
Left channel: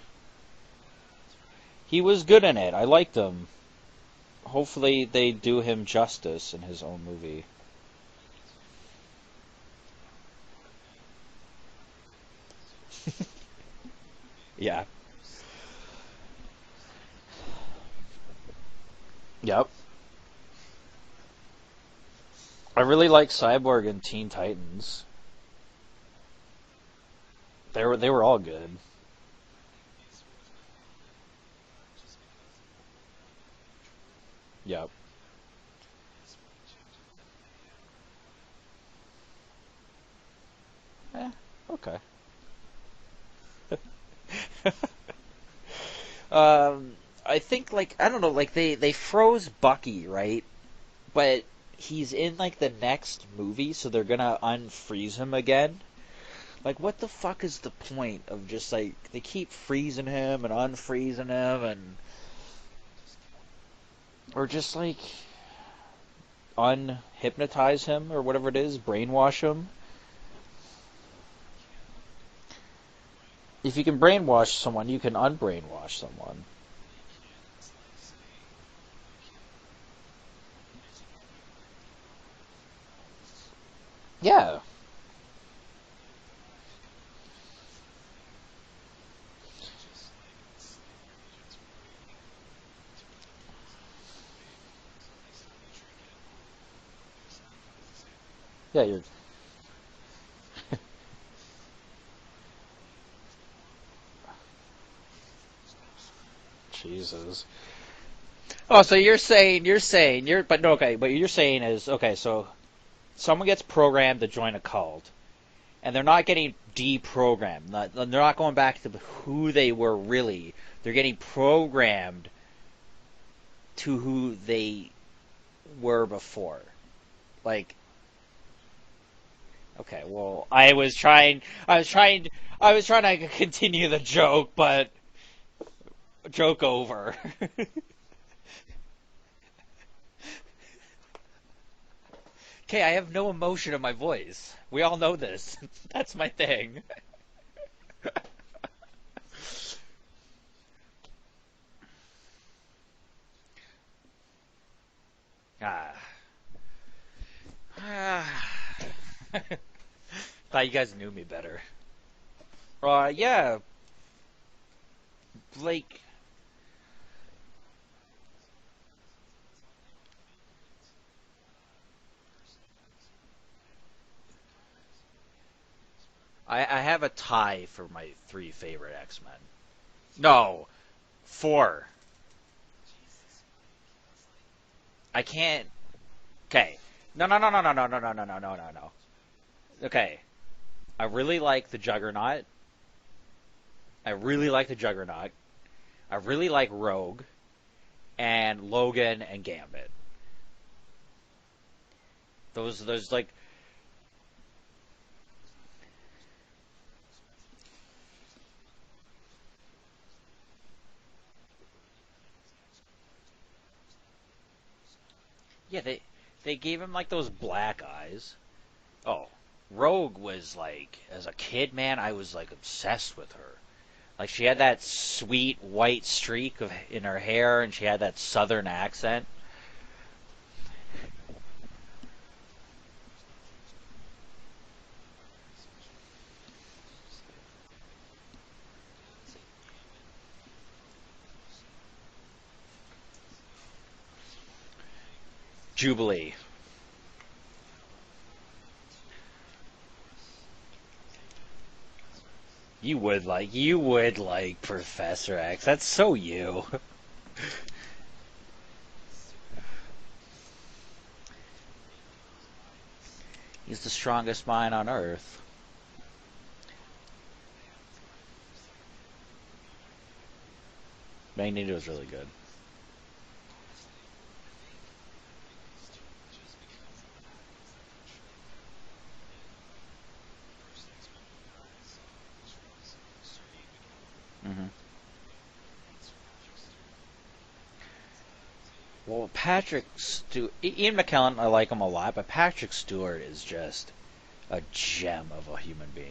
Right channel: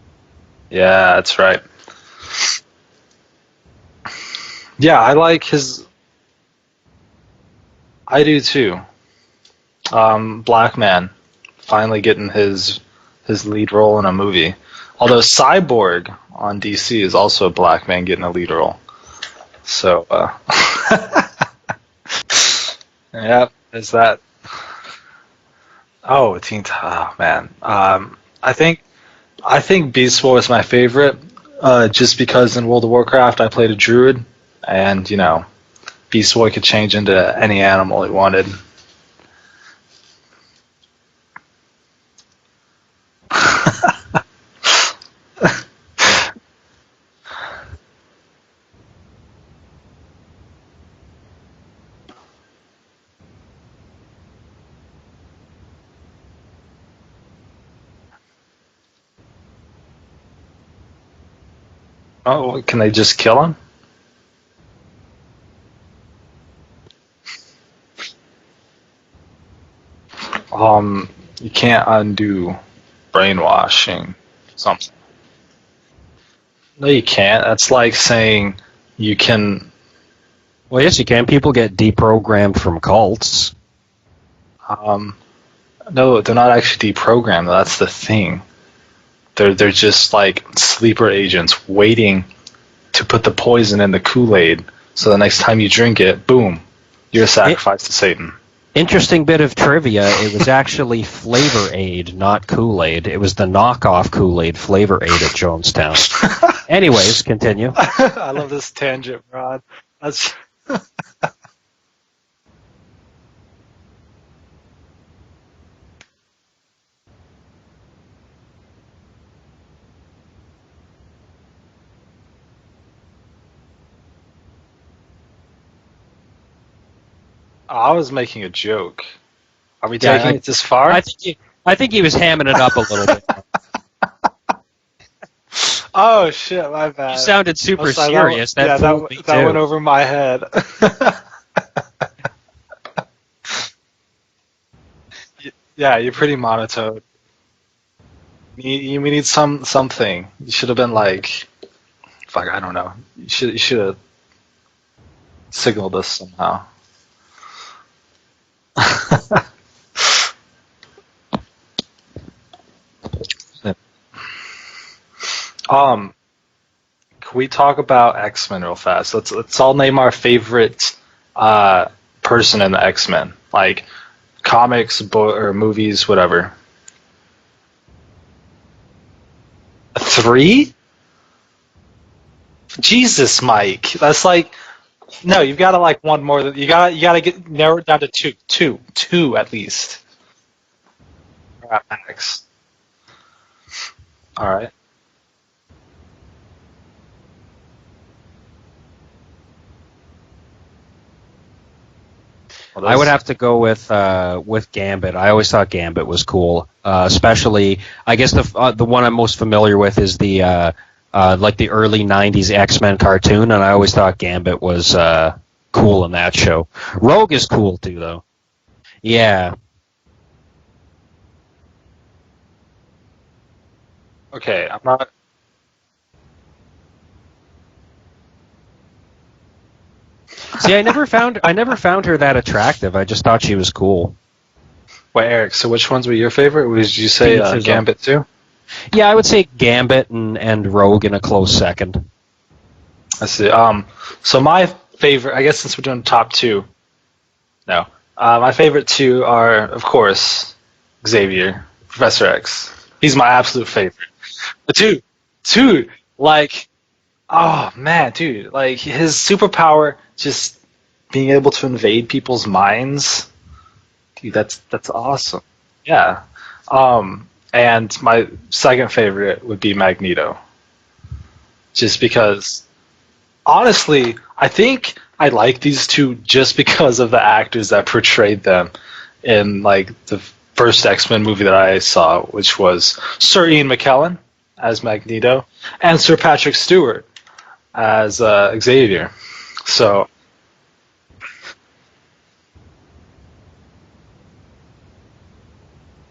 Yeah, that's right. He was good in it. I liked him. Hopefully, Yeah, I they like do his- him justice in his own movie. I do too. Black Man finally getting his lead role in a movie. Yeah. Although Cyborg on DC is also a black man getting a lead role. Yep. So I really like Yeah, Cyborg is and that- Teen Titans. man. They were all good. I think Beast Boy is my favorite, just because in World of Warcraft I played a druid, and Beast Boy could change into any animal he wanted. Okay. I think I don't know, they froze Bucky, right? But he's in the next movie, so they're gonna unfreeze him again. Like, what the fuck is the point of just like they keep freezing him and unfreezing him and Oh, can they just kill him? or just like unhypnotize him or whatever it is, brainwash him? You can't undo If you can brainwashing. brainwash someone, Something. you can unbrainwash someone. No, you can't. That's like saying you can. Well, yes, you can. People get deprogrammed from cults. Yeah. No, they're not actually deprogrammed. That's the thing. They're just like sleeper agents waiting to put the poison in the Kool-Aid. So the next time you drink it, boom, you're a sacrifice to Satan. Interesting bit of trivia. It was actually Flavor Aid, not Kool-Aid. It was the knockoff Kool-Aid Flavor Aid at Jonestown. Anyways, continue. I love this. Oh, so tangent, you're saying That's- but no, okay, what you're saying is okay. So someone gets programmed to join a cult, and they're not getting deprogrammed. They're not going back to who they were really. They're getting programmed to who they were before. Like, I was making a joke. Are we okay, taking it this I far? was trying. I think he was hamming it up I was a little trying bit. to continue the joke, but Oh Joke shit, my over. bad. You sounded super I'm sorry, serious. That fooled me that too. went over my head. okay, I have no emotion in my voice. We all know this. Yeah, It's you're pretty my thing. monotone. We need something. You should have been like, fuck, I don't know. You should have signaled us somehow. Thought you guys knew me better. Yeah. Can we talk about X-Men real fast? Let's all name our favorite person in the X-Men, like comics, or movies, whatever. I have a tie for my 3 favorite X-Men. 3? 4. Jesus, Mike. That's like no. You can't- gotta like one more than Okay. you gotta No, get no, no, narrowed no, down no, to no, two, no, no, two, no. two at least. Okay. I really like the Alright, Juggernaut. thanks. I really Alright. like the Juggernaut. I really like Rogue. And Logan and Gambit. Those I would have like, to go with Gambit. I always thought Gambit was cool, especially. I guess the one I'm most familiar with is the like the early '90s X-Men cartoon, and I always thought Gambit was cool in that show. gave him, like, Rogue those is cool black too, though. eyes. Yeah, Rogue was like, as a kid, man, I was like obsessed with her. Like she Okay, had I'm that not- sweet white streak in her hair, and she had that southern accent. see, I never found her that attractive. I just thought she was cool. Wait, Eric. So which ones were your favorite? Did you say Penises. Gambit too? Yeah, I would say Gambit and Rogue in a close second. I see. So my favorite, I guess since we're doing the top two, no, my favorite 2 are, of course, Xavier, Professor X. He's my absolute favorite. You would like But dude, Professor X. dude, That's so like- you. Oh man, dude, like his superpower, just being able to invade people's minds. He's the strongest That's mind that's on Earth. awesome. Yeah. And my second favorite would be Magneto. Magneto. Just because, honestly, I think I like these 2 just because of the actors that portrayed them in like the first X-Men movie that I saw, which was Sir Ian McKellen as Magneto and Sir Patrick Stewart as Xavier. Well, Patrick So- Ian McKellen, I like him a lot, but Patrick Stewart is just a gem of a human being.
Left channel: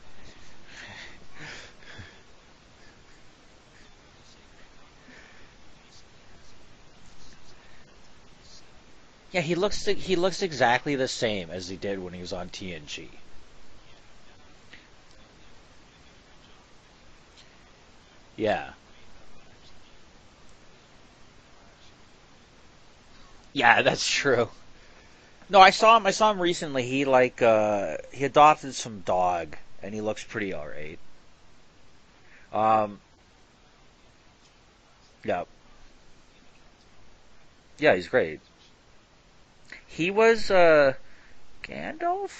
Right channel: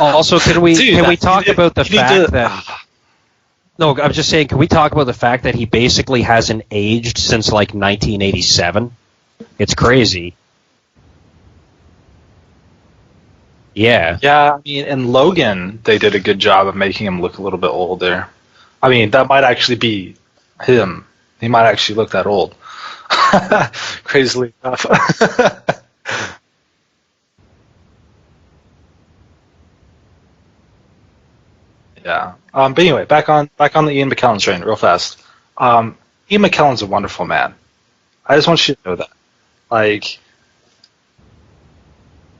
Also, can we Dude, talk about the you need fact to- that? No, I'm just saying. Can we talk about the fact that he basically hasn't aged since like 1987? Yeah, he It's looks crazy. He looks exactly the same as he did when he was on TNG. Yeah. Yeah, I mean, in Logan, they did a good job of making him look a little bit older. Yeah. I mean, that might actually be him. He might actually look that old. Yeah, that's Crazily enough. No, I saw him recently. He he adopted some dog, and he looks pretty alright. Yeah. But anyway, back on the Ian McKellen train, real fast. Yeah. Ian McKellen's a wonderful man. Yeah, he's great. I just want you to know that. Like, He was Gandalf.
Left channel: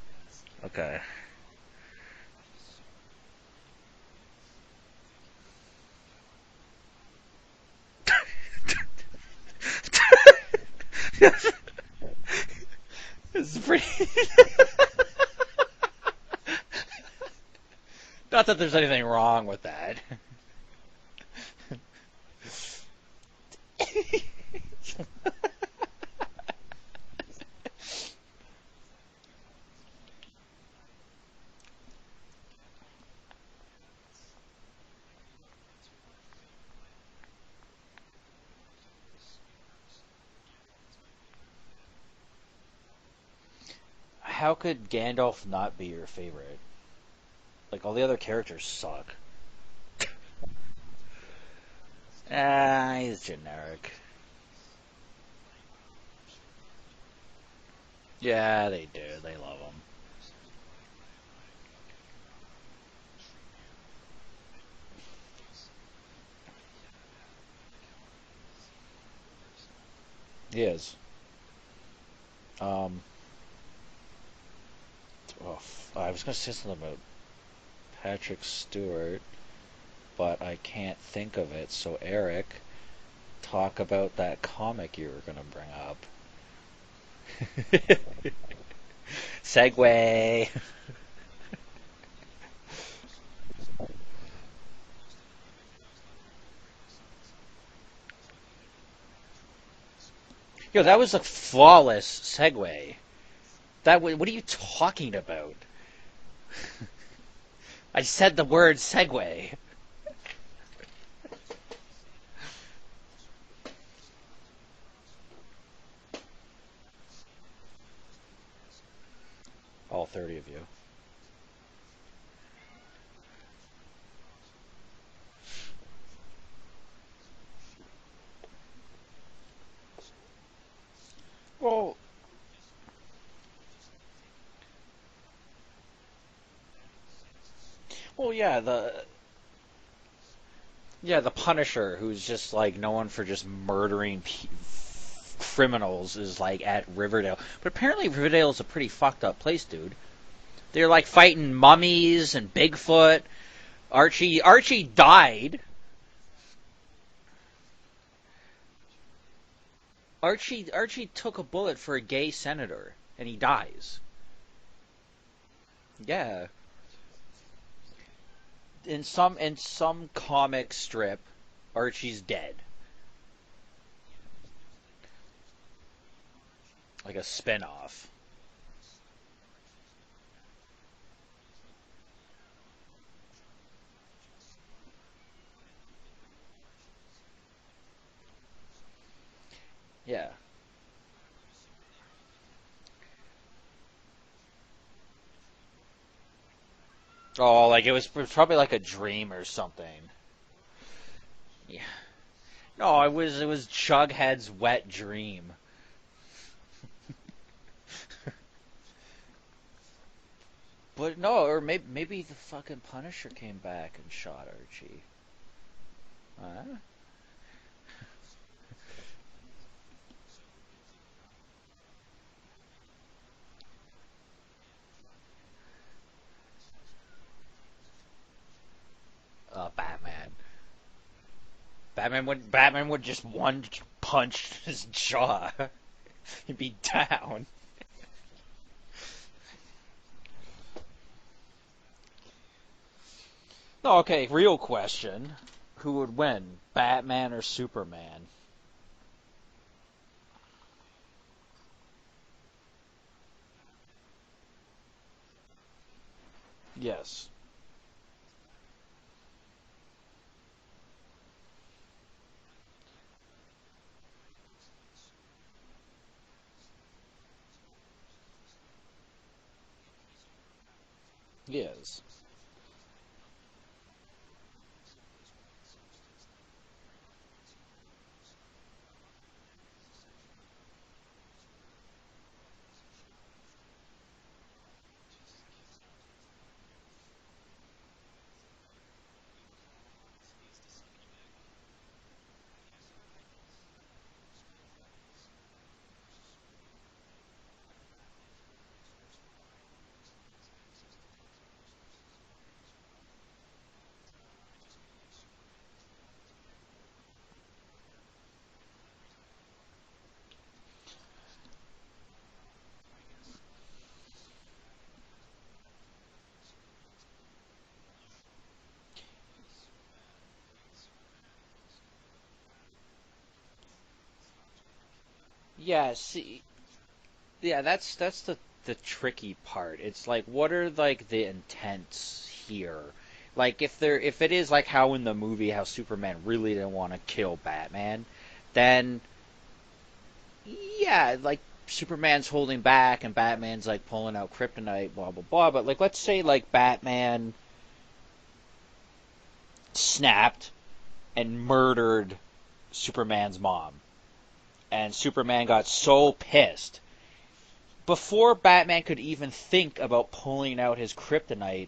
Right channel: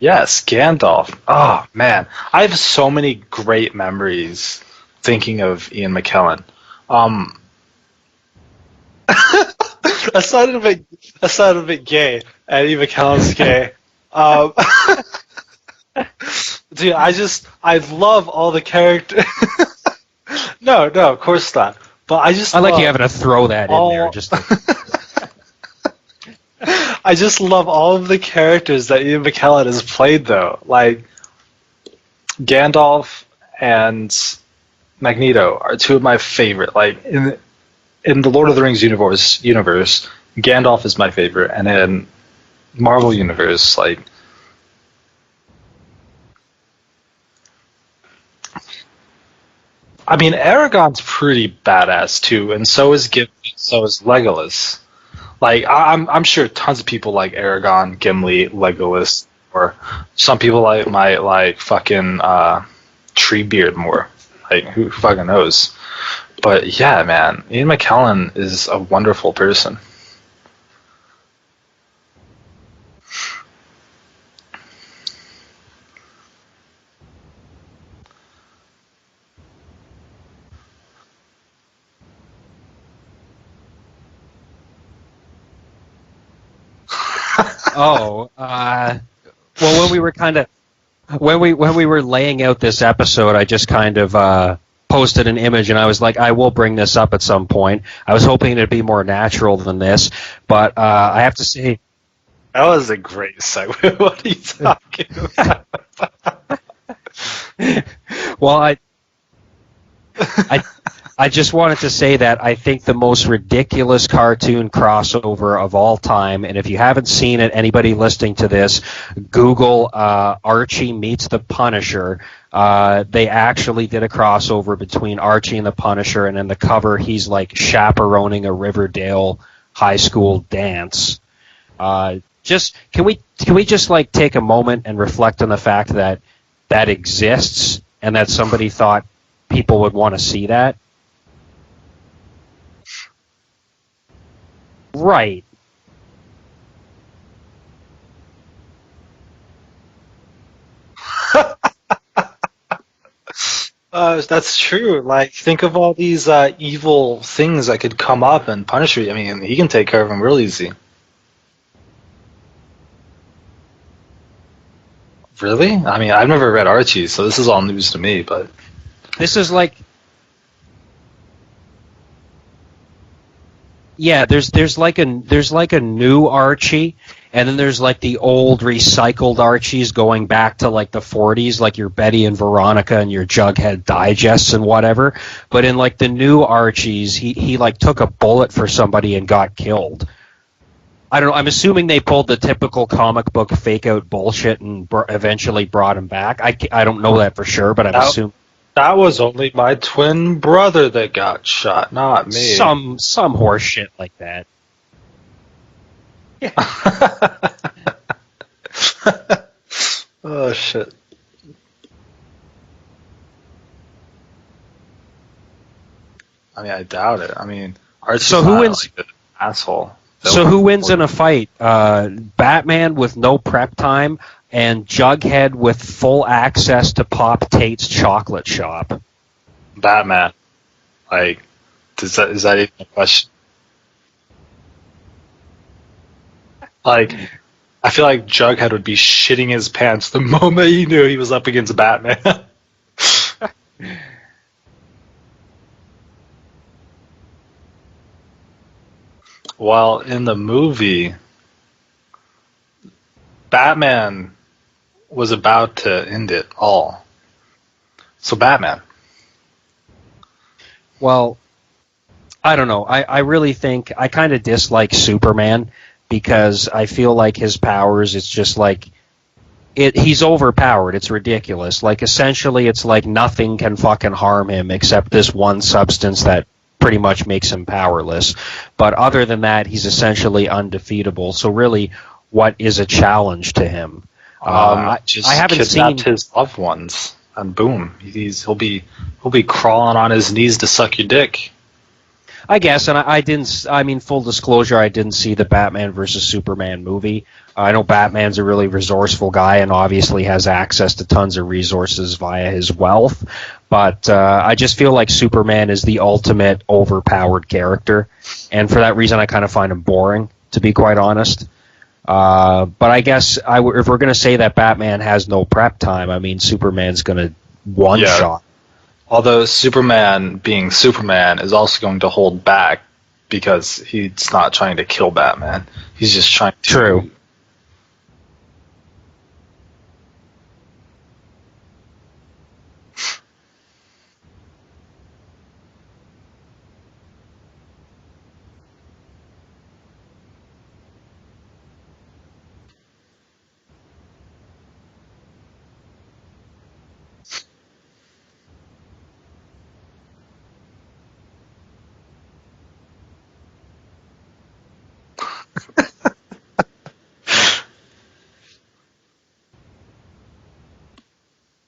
yes, Gandalf. Oh man, I have so many great memories thinking of Ian McKellen. That sounded a bit gay, and Ian McKellen's gay. Dude, I love Not all that the there's anything characters. wrong with that. No, of course not. But I just I like love you having to throw that in there. all. Just to, I just love all of the characters that Ian McKellen has played, though. Like Gandalf and Magneto are two of my favorite. Like in the Lord of the Rings universe, Gandalf is my favorite, and in Marvel universe, like How could Gandalf not be your favorite? Like, all the other characters suck. I mean, Aragorn's pretty badass too, and so is He's Gimli, generic. so is Legolas. Like I'm sure tons of people like Aragorn, Gimli, Yeah, Legolas, they love or some people might like fucking Treebeard more. Like who fucking knows? But yeah, man, Ian McKellen is a wonderful person. He is. I was gonna say something about Patrick Stewart, but I can't think of it. So Eric, talk about that comic you were gonna bring up. oh, well, when we were kind of when we were laying out this episode, I just kind of posted an image, and I was like, I will bring this up at some point. I was hoping it'd be more natural than this, but Yo, that was I have to say, flawless segue. That was a great segue. What are you talking about? I said the Well, word segue. I just wanted to say that I think the most ridiculous cartoon crossover of all time, and if you haven't seen it, anybody listening to this, Google Archie meets the Punisher. They actually did a crossover between Archie and the Punisher, and in the cover he's like chaperoning a Riverdale high school dance. Just can we just like take a moment and reflect on the fact that that exists and that somebody thought people would want to see that? Yeah, the Punisher, who's just like known for just murdering Right. criminals, is like at Riverdale. But apparently Riverdale is a pretty fucked up place, dude. They're like fighting mummies and Bigfoot. Archie true. died. Like, think of all these evil things that could come up and punish you. I mean, he can take care of them real easy. Archie took a bullet for a gay senator, and he dies. Really? I mean, I've never read Archie, so this is all news to me. But This is like- some comic strip, Archie's dead. Yeah, there's like a new Archie, Like a and then there's like the old recycled Archies going back to like the 40s, like your Betty and Veronica and your Jughead digests and whatever. But in like the new Archies, he like took a bullet for somebody and got killed. Yeah. I don't know. I'm assuming they pulled the typical comic book fake out bullshit and eventually brought him back. I don't know that for sure, like but a- I assume probably like a that was dream or only my something. twin brother that got shot, not me. some Oh, it was horse shit like Jughead's that. wet dream. Oh shit. But no, or maybe the fucking Punisher came back and shot Archie. I mean, I doubt it. I mean, Archie's So who not, wins- like, an asshole. So who wins in a fight? Batman with no prep time and Jughead with full access to Pop Tate's chocolate shop. Batman. Like, is that even Batman a would question? just one punch his jaw. He'd be Like- down. I feel like Jughead would be shitting his pants the moment he knew he was up against Batman. No, okay, real question. Who would win, Batman or Superman? Well, in the movie, Batman was about to end it all. Yes. So Batman. Well, I don't know. I really think I kind of dislike Superman because I feel like his powers, it's just like he's overpowered. It's ridiculous. Like essentially it's like nothing can fucking harm him except this one substance that pretty much makes him powerless. But other than that, he's essentially undefeatable. So really, what is a challenge to him? Just I haven't kidnapped seen- his loved ones, and boom, he'll be crawling on his knees to suck your dick. I guess, and I didn't. I mean, full disclosure, I didn't see the Batman versus Superman movie. I know Batman's a really resourceful guy and obviously has access to tons of resources via his wealth. But I just feel like Superman is the ultimate overpowered character, and for that reason, I kind of find him boring, to be quite honest. But I guess if we're going to say that Batman has no prep time, I mean, Superman's going to one Yeah. shot. Although Superman, being Superman, is also going to hold back because he's not trying to kill Batman. Yeah, He's see, just trying to. True. yeah, that's the tricky part. It's like, what are like the intents here? Like, if it is like how in the movie how Superman really didn't want to kill Batman, then yeah, like Superman's holding back and Batman's like pulling out kryptonite, blah blah blah. But like, let's say like Batman snapped and murdered Superman's mom, and Superman got so pissed. Before Batman could even think about pulling out his kryptonite,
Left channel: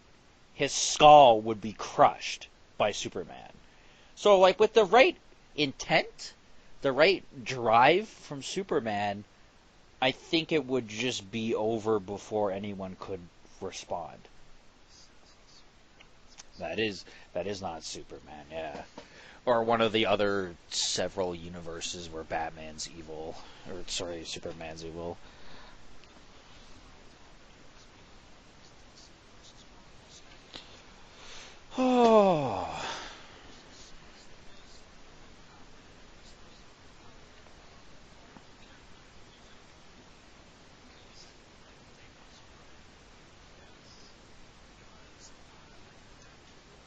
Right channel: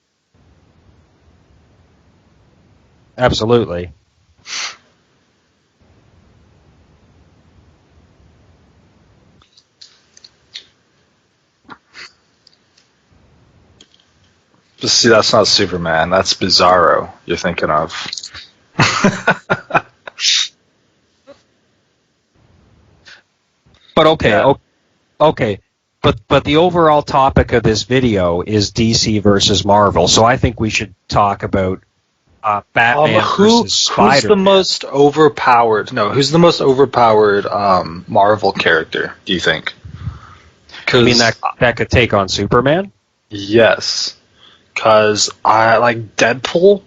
his skull would be crushed by Superman. Absolutely. So, like, with the right intent, the right drive from Superman, I think it would just be over before anyone could respond. But see, that's not Superman. That's Bizarro you're thinking of. Yeah. Or one of the other several universes where Batman's evil. But okay, Batman's evil. Okay. But the overall topic of this video is DC versus Marvel, so I think we should talk about Batman versus Spider-Man. Who's the most overpowered? No, who's the most overpowered Marvel character? Do you think? I mean that could take on Superman? Yes, because I like Deadpool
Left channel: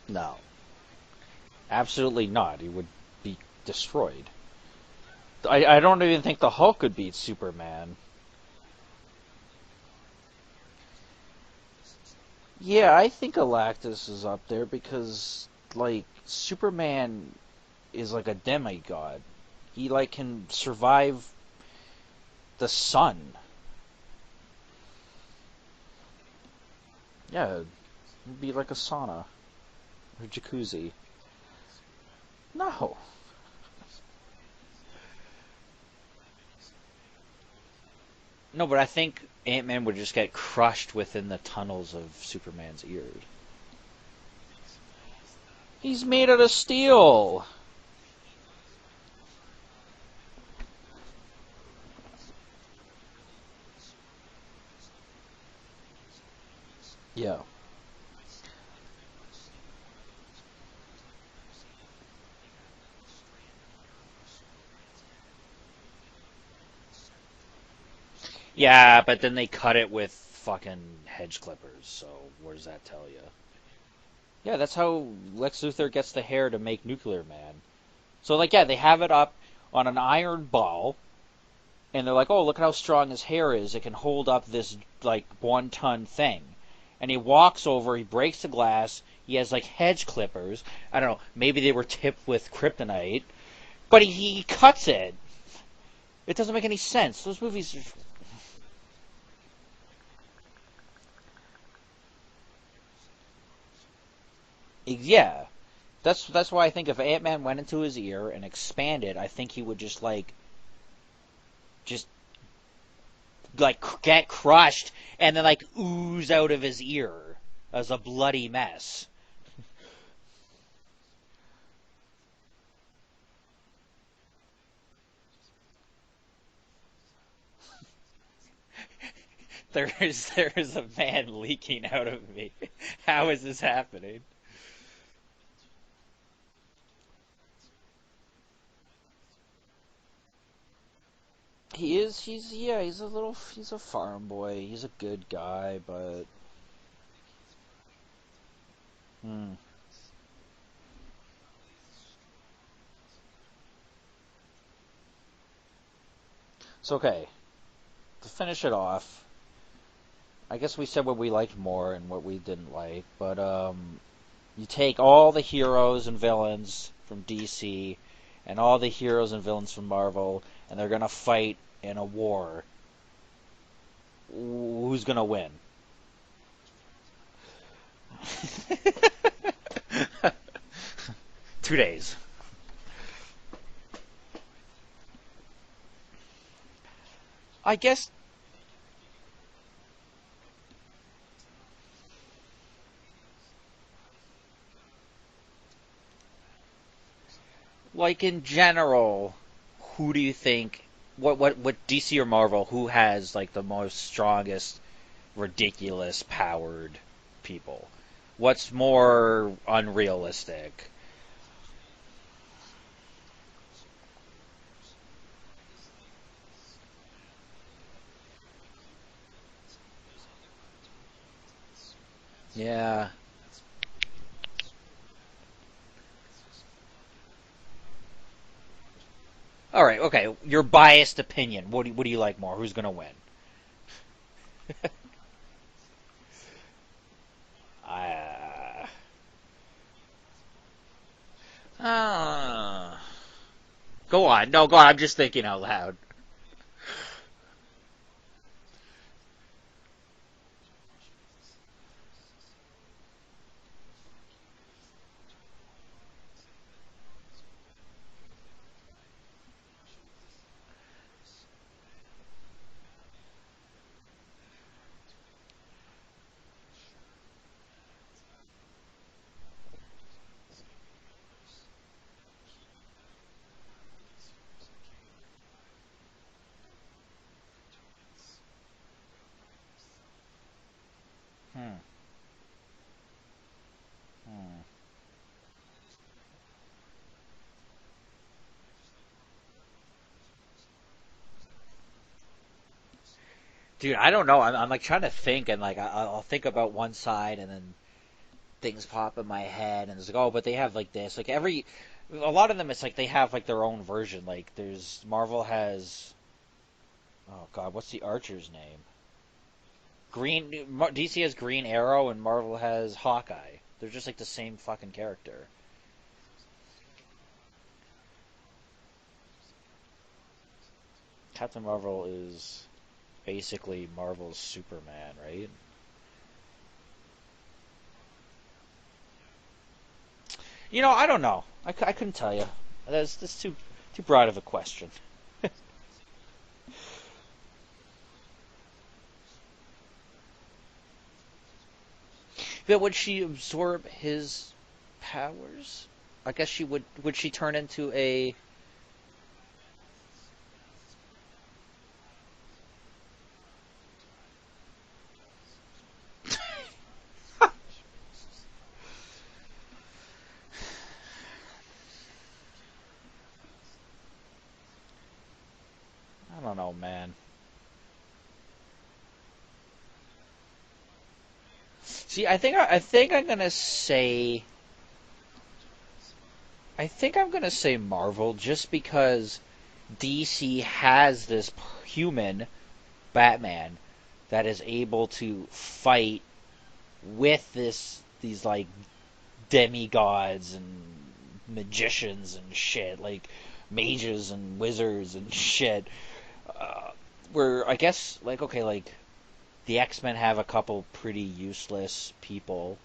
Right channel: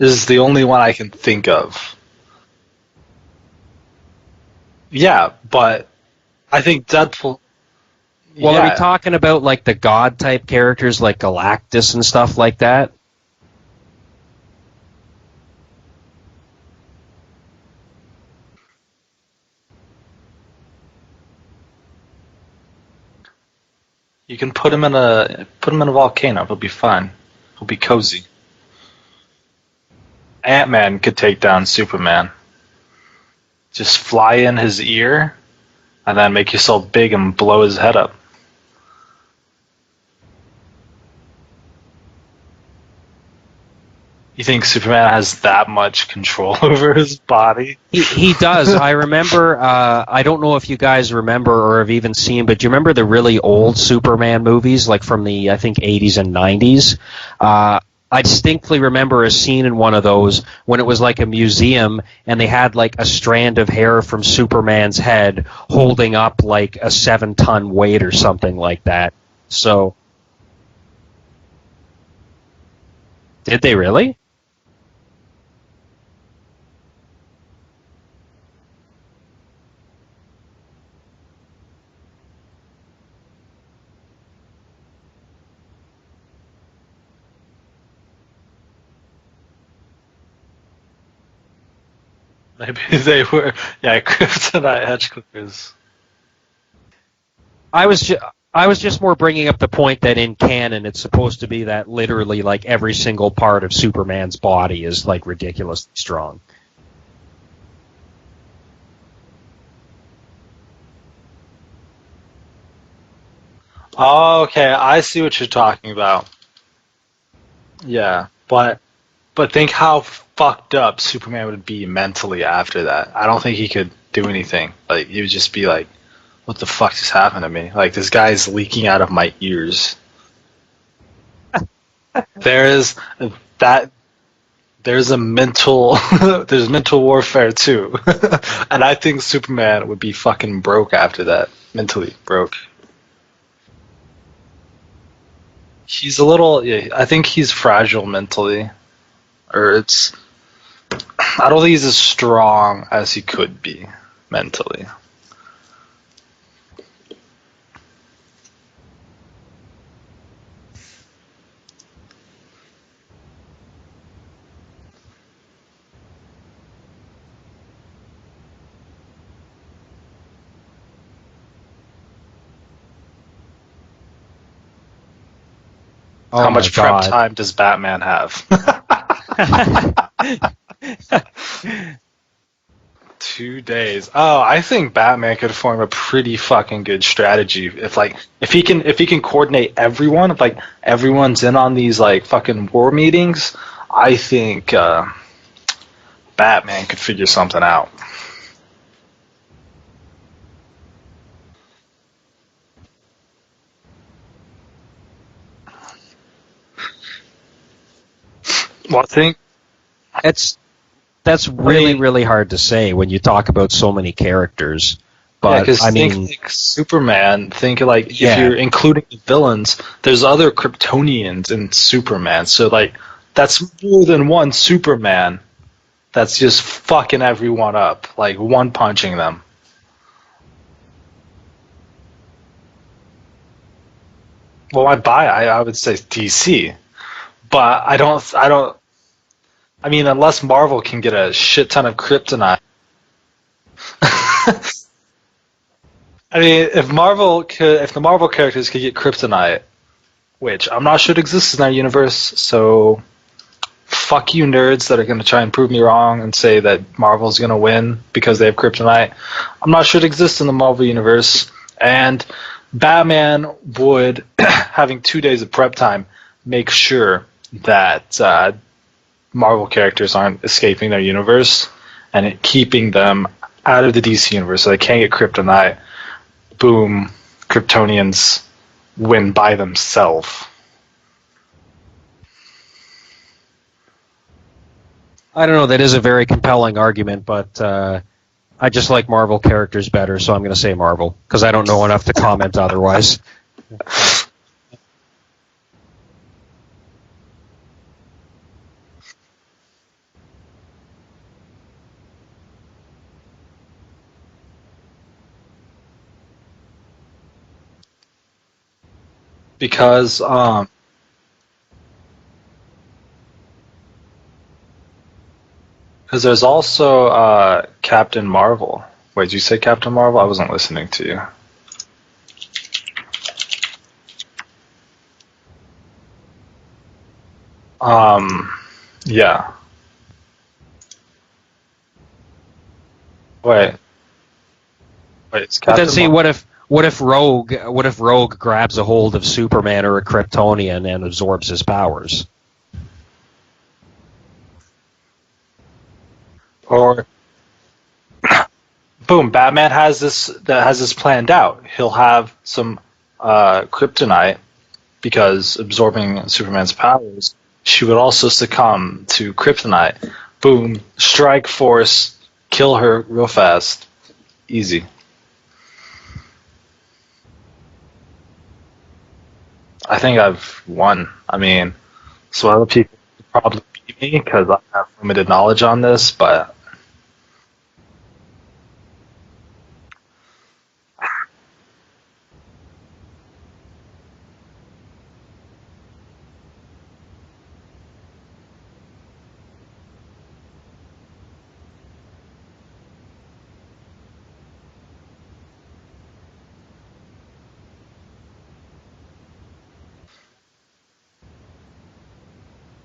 is the only one I can think of. Absolutely not. He would be destroyed. Yeah, but I don't even think the Hulk I think could Deadpool. beat Superman. Well, yeah. are we talking about like the god type characters like Galactus and stuff like that? Yeah, I think Galactus is up there because like Superman is like a demigod. He like can survive the sun. You can put him in a volcano. He'll be fine. Yeah, He'll be cozy. He'll be like a sauna. Ant-Man could take down Superman. No. Just fly in his ear, and then make yourself big and blow his head up. No, but I think Ant-Man would just get crushed within the tunnels of Superman's ears. You think Superman has that much He's made control of steel. over his body? He does. I remember, I don't know if you guys remember or have even seen, but do you remember the really old Superman movies, like from the, I think, 80s and 90s? Yeah. I distinctly remember a scene in one of those when it was like a museum and they had like a strand of hair from Superman's head holding up like a 7-ton weight or something like that. Yeah, but then they cut it with fucking hedge clippers, so what does that tell you? Did they really? Yeah, that's how Lex Luthor gets the hair to make Nuclear Man. So, like, yeah, they have it up on an iron ball, and they're like, oh, look at how strong his hair is. It can hold up this, like, 1-ton thing. And he walks over, he breaks the glass, he has, like, hedge clippers. I don't know, maybe they were tipped with kryptonite. Maybe they were. Yeah, But he kryptonite cuts hedge it. clippers. It doesn't make any sense. Those movies... I was just more bringing up the point that in canon it's supposed to be that literally like every single part of Superman's body is like ridiculously strong. That's why I think if Ant-Man went into his ear and expanded, I think he would just Oh, okay, crushed I see what and you're then, talking ooze about. out of his ear as a Yeah, bloody but- mess. But think how fucked up Superman would be mentally after that. I don't think he could do anything. Like, he would just be like, what the fuck just happened to me? Like, this guy's leaking out of my ears. There is a man leaking out of me. There is How is this that. happening? There's a mental, there's mental warfare too, and I think Superman would be fucking broke after that. Mentally broke. Yeah, he's a farm boy. He's a good guy. But... He's a little. Yeah, I think he's fragile mentally, or I don't think he's as strong as he could be mentally. It's okay. To finish it off, I guess we said what we liked more and what we didn't like, but you take all the heroes and villains from DC and all the heroes and villains from Marvel, and they're gonna fight in a war. Who's gonna win? Oh How my much prep God. time does Batman have? 2 days. 2 days. Oh, I think Batman could form a pretty fucking good strategy I guess- if he can coordinate everyone. If like everyone's in on these like fucking war meetings, I think Batman could figure something out. Like in general, who do you think? what DC or Marvel? Who has like the most strongest, ridiculous powered people? What's Well, I think more It's unrealistic? that's really really hard to say when you talk about so many characters. yeah, But because I think mean, like Superman. Think like if yeah, you're including the villains, there's other Kryptonians in Superman. So like Yeah. that's more than one Superman. That's just fucking everyone up, like one punching them. All right. Okay. Your biased opinion. What do you like more? Who's gonna win? Well, I would say DC, but I don't. I mean, unless Marvel can get a shit ton of kryptonite. Go on. No, go on. I'm just thinking out loud. I mean, if the Marvel characters could get kryptonite, which I'm not sure it exists in our universe, so fuck you nerds that are going to try and prove me wrong and say that Marvel's going to win because they have kryptonite. I'm not sure it exists in the Marvel universe, and Batman would, having 2 days of prep time, make sure that Marvel characters aren't escaping their universe and keeping them out of the DC universe so they can't get kryptonite. Boom, Kryptonians win by themselves. I don't know. That is a very compelling argument, but I just like Marvel characters better, so I'm going to say Marvel because I don't know enough to comment otherwise. Dude, I don't know. I'm like trying to think, and like I'll think about one side, and then things pop in my head, and it's like, oh, but they have like this. Like a lot of them, it's like they have like their own version. Like Marvel has, oh God, what's the Archer's name? Because DC has Green Arrow, and Marvel has Hawkeye. They're just like the same fucking character. there's also Captain Marvel. Wait, did you say Captain Marvel? I wasn't listening to you. Captain Marvel is basically Marvel's Superman, right? Yeah. I don't know. I couldn't tell you. That's Wait, too broad of a question. it's But then Captain see, Marvel. what if Rogue grabs a hold of Superman or a Kryptonian and absorbs his powers? But would she absorb his powers? I guess she Or would she turn into a boom, Batman has this planned out. He'll have some kryptonite because absorbing Superman's powers, she would also succumb to kryptonite. Boom, strike force, kill her real fast. Easy. I don't know, man. I think I've won. I mean, See, so other I people think I'm gonna probably say because I have limited knowledge on this, but I think I'm gonna say Marvel just because DC has this human Batman that is able to fight with these like demigods and magicians and shit, like mages and wizards and shit. Where I guess like okay, like the X-Men have a couple pretty useless people,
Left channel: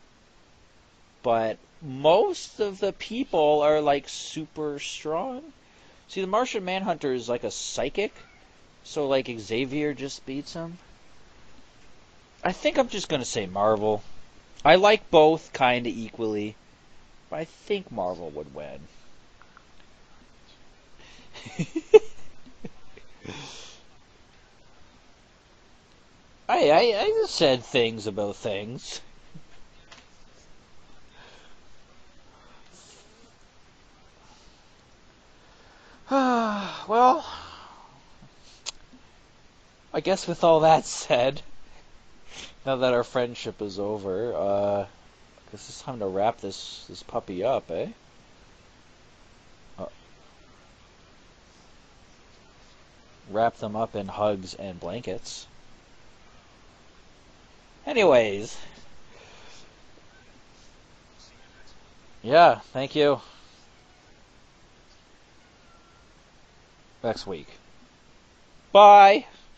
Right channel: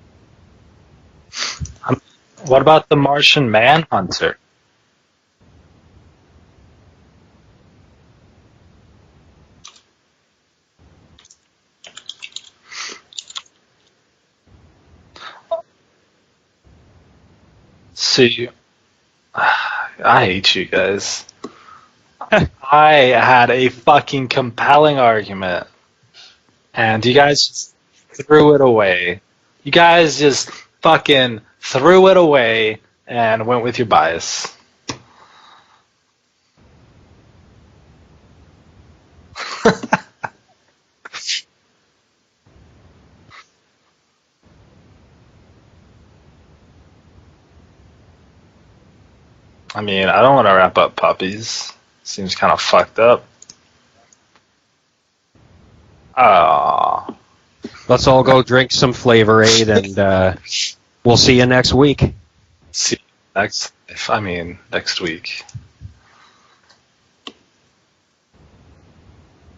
but most what of about the the Martian people are like Manhunter? super strong. See, the Martian Manhunter is like a psychic, so like Xavier just beats him. I think I'm just gonna say Marvel. I like both kind of equally, but I think Marvel See, would win. I hate you guys. I had a fucking compelling argument, and you I guys said just things about threw it things. away. You guys just fucking threw it away and went with your bias. Well, I guess with all that said, now that our friendship is over, I guess it's time to wrap this puppy up, eh? I mean, I don't want to wrap up puppies. Seems kind of fucked up. Wrap them up in hugs and blankets. Ah, Let's all go Anyways. drink some Flavor Aid, and we'll see you next week. Yeah, thank see you. next week. Next week. Bye.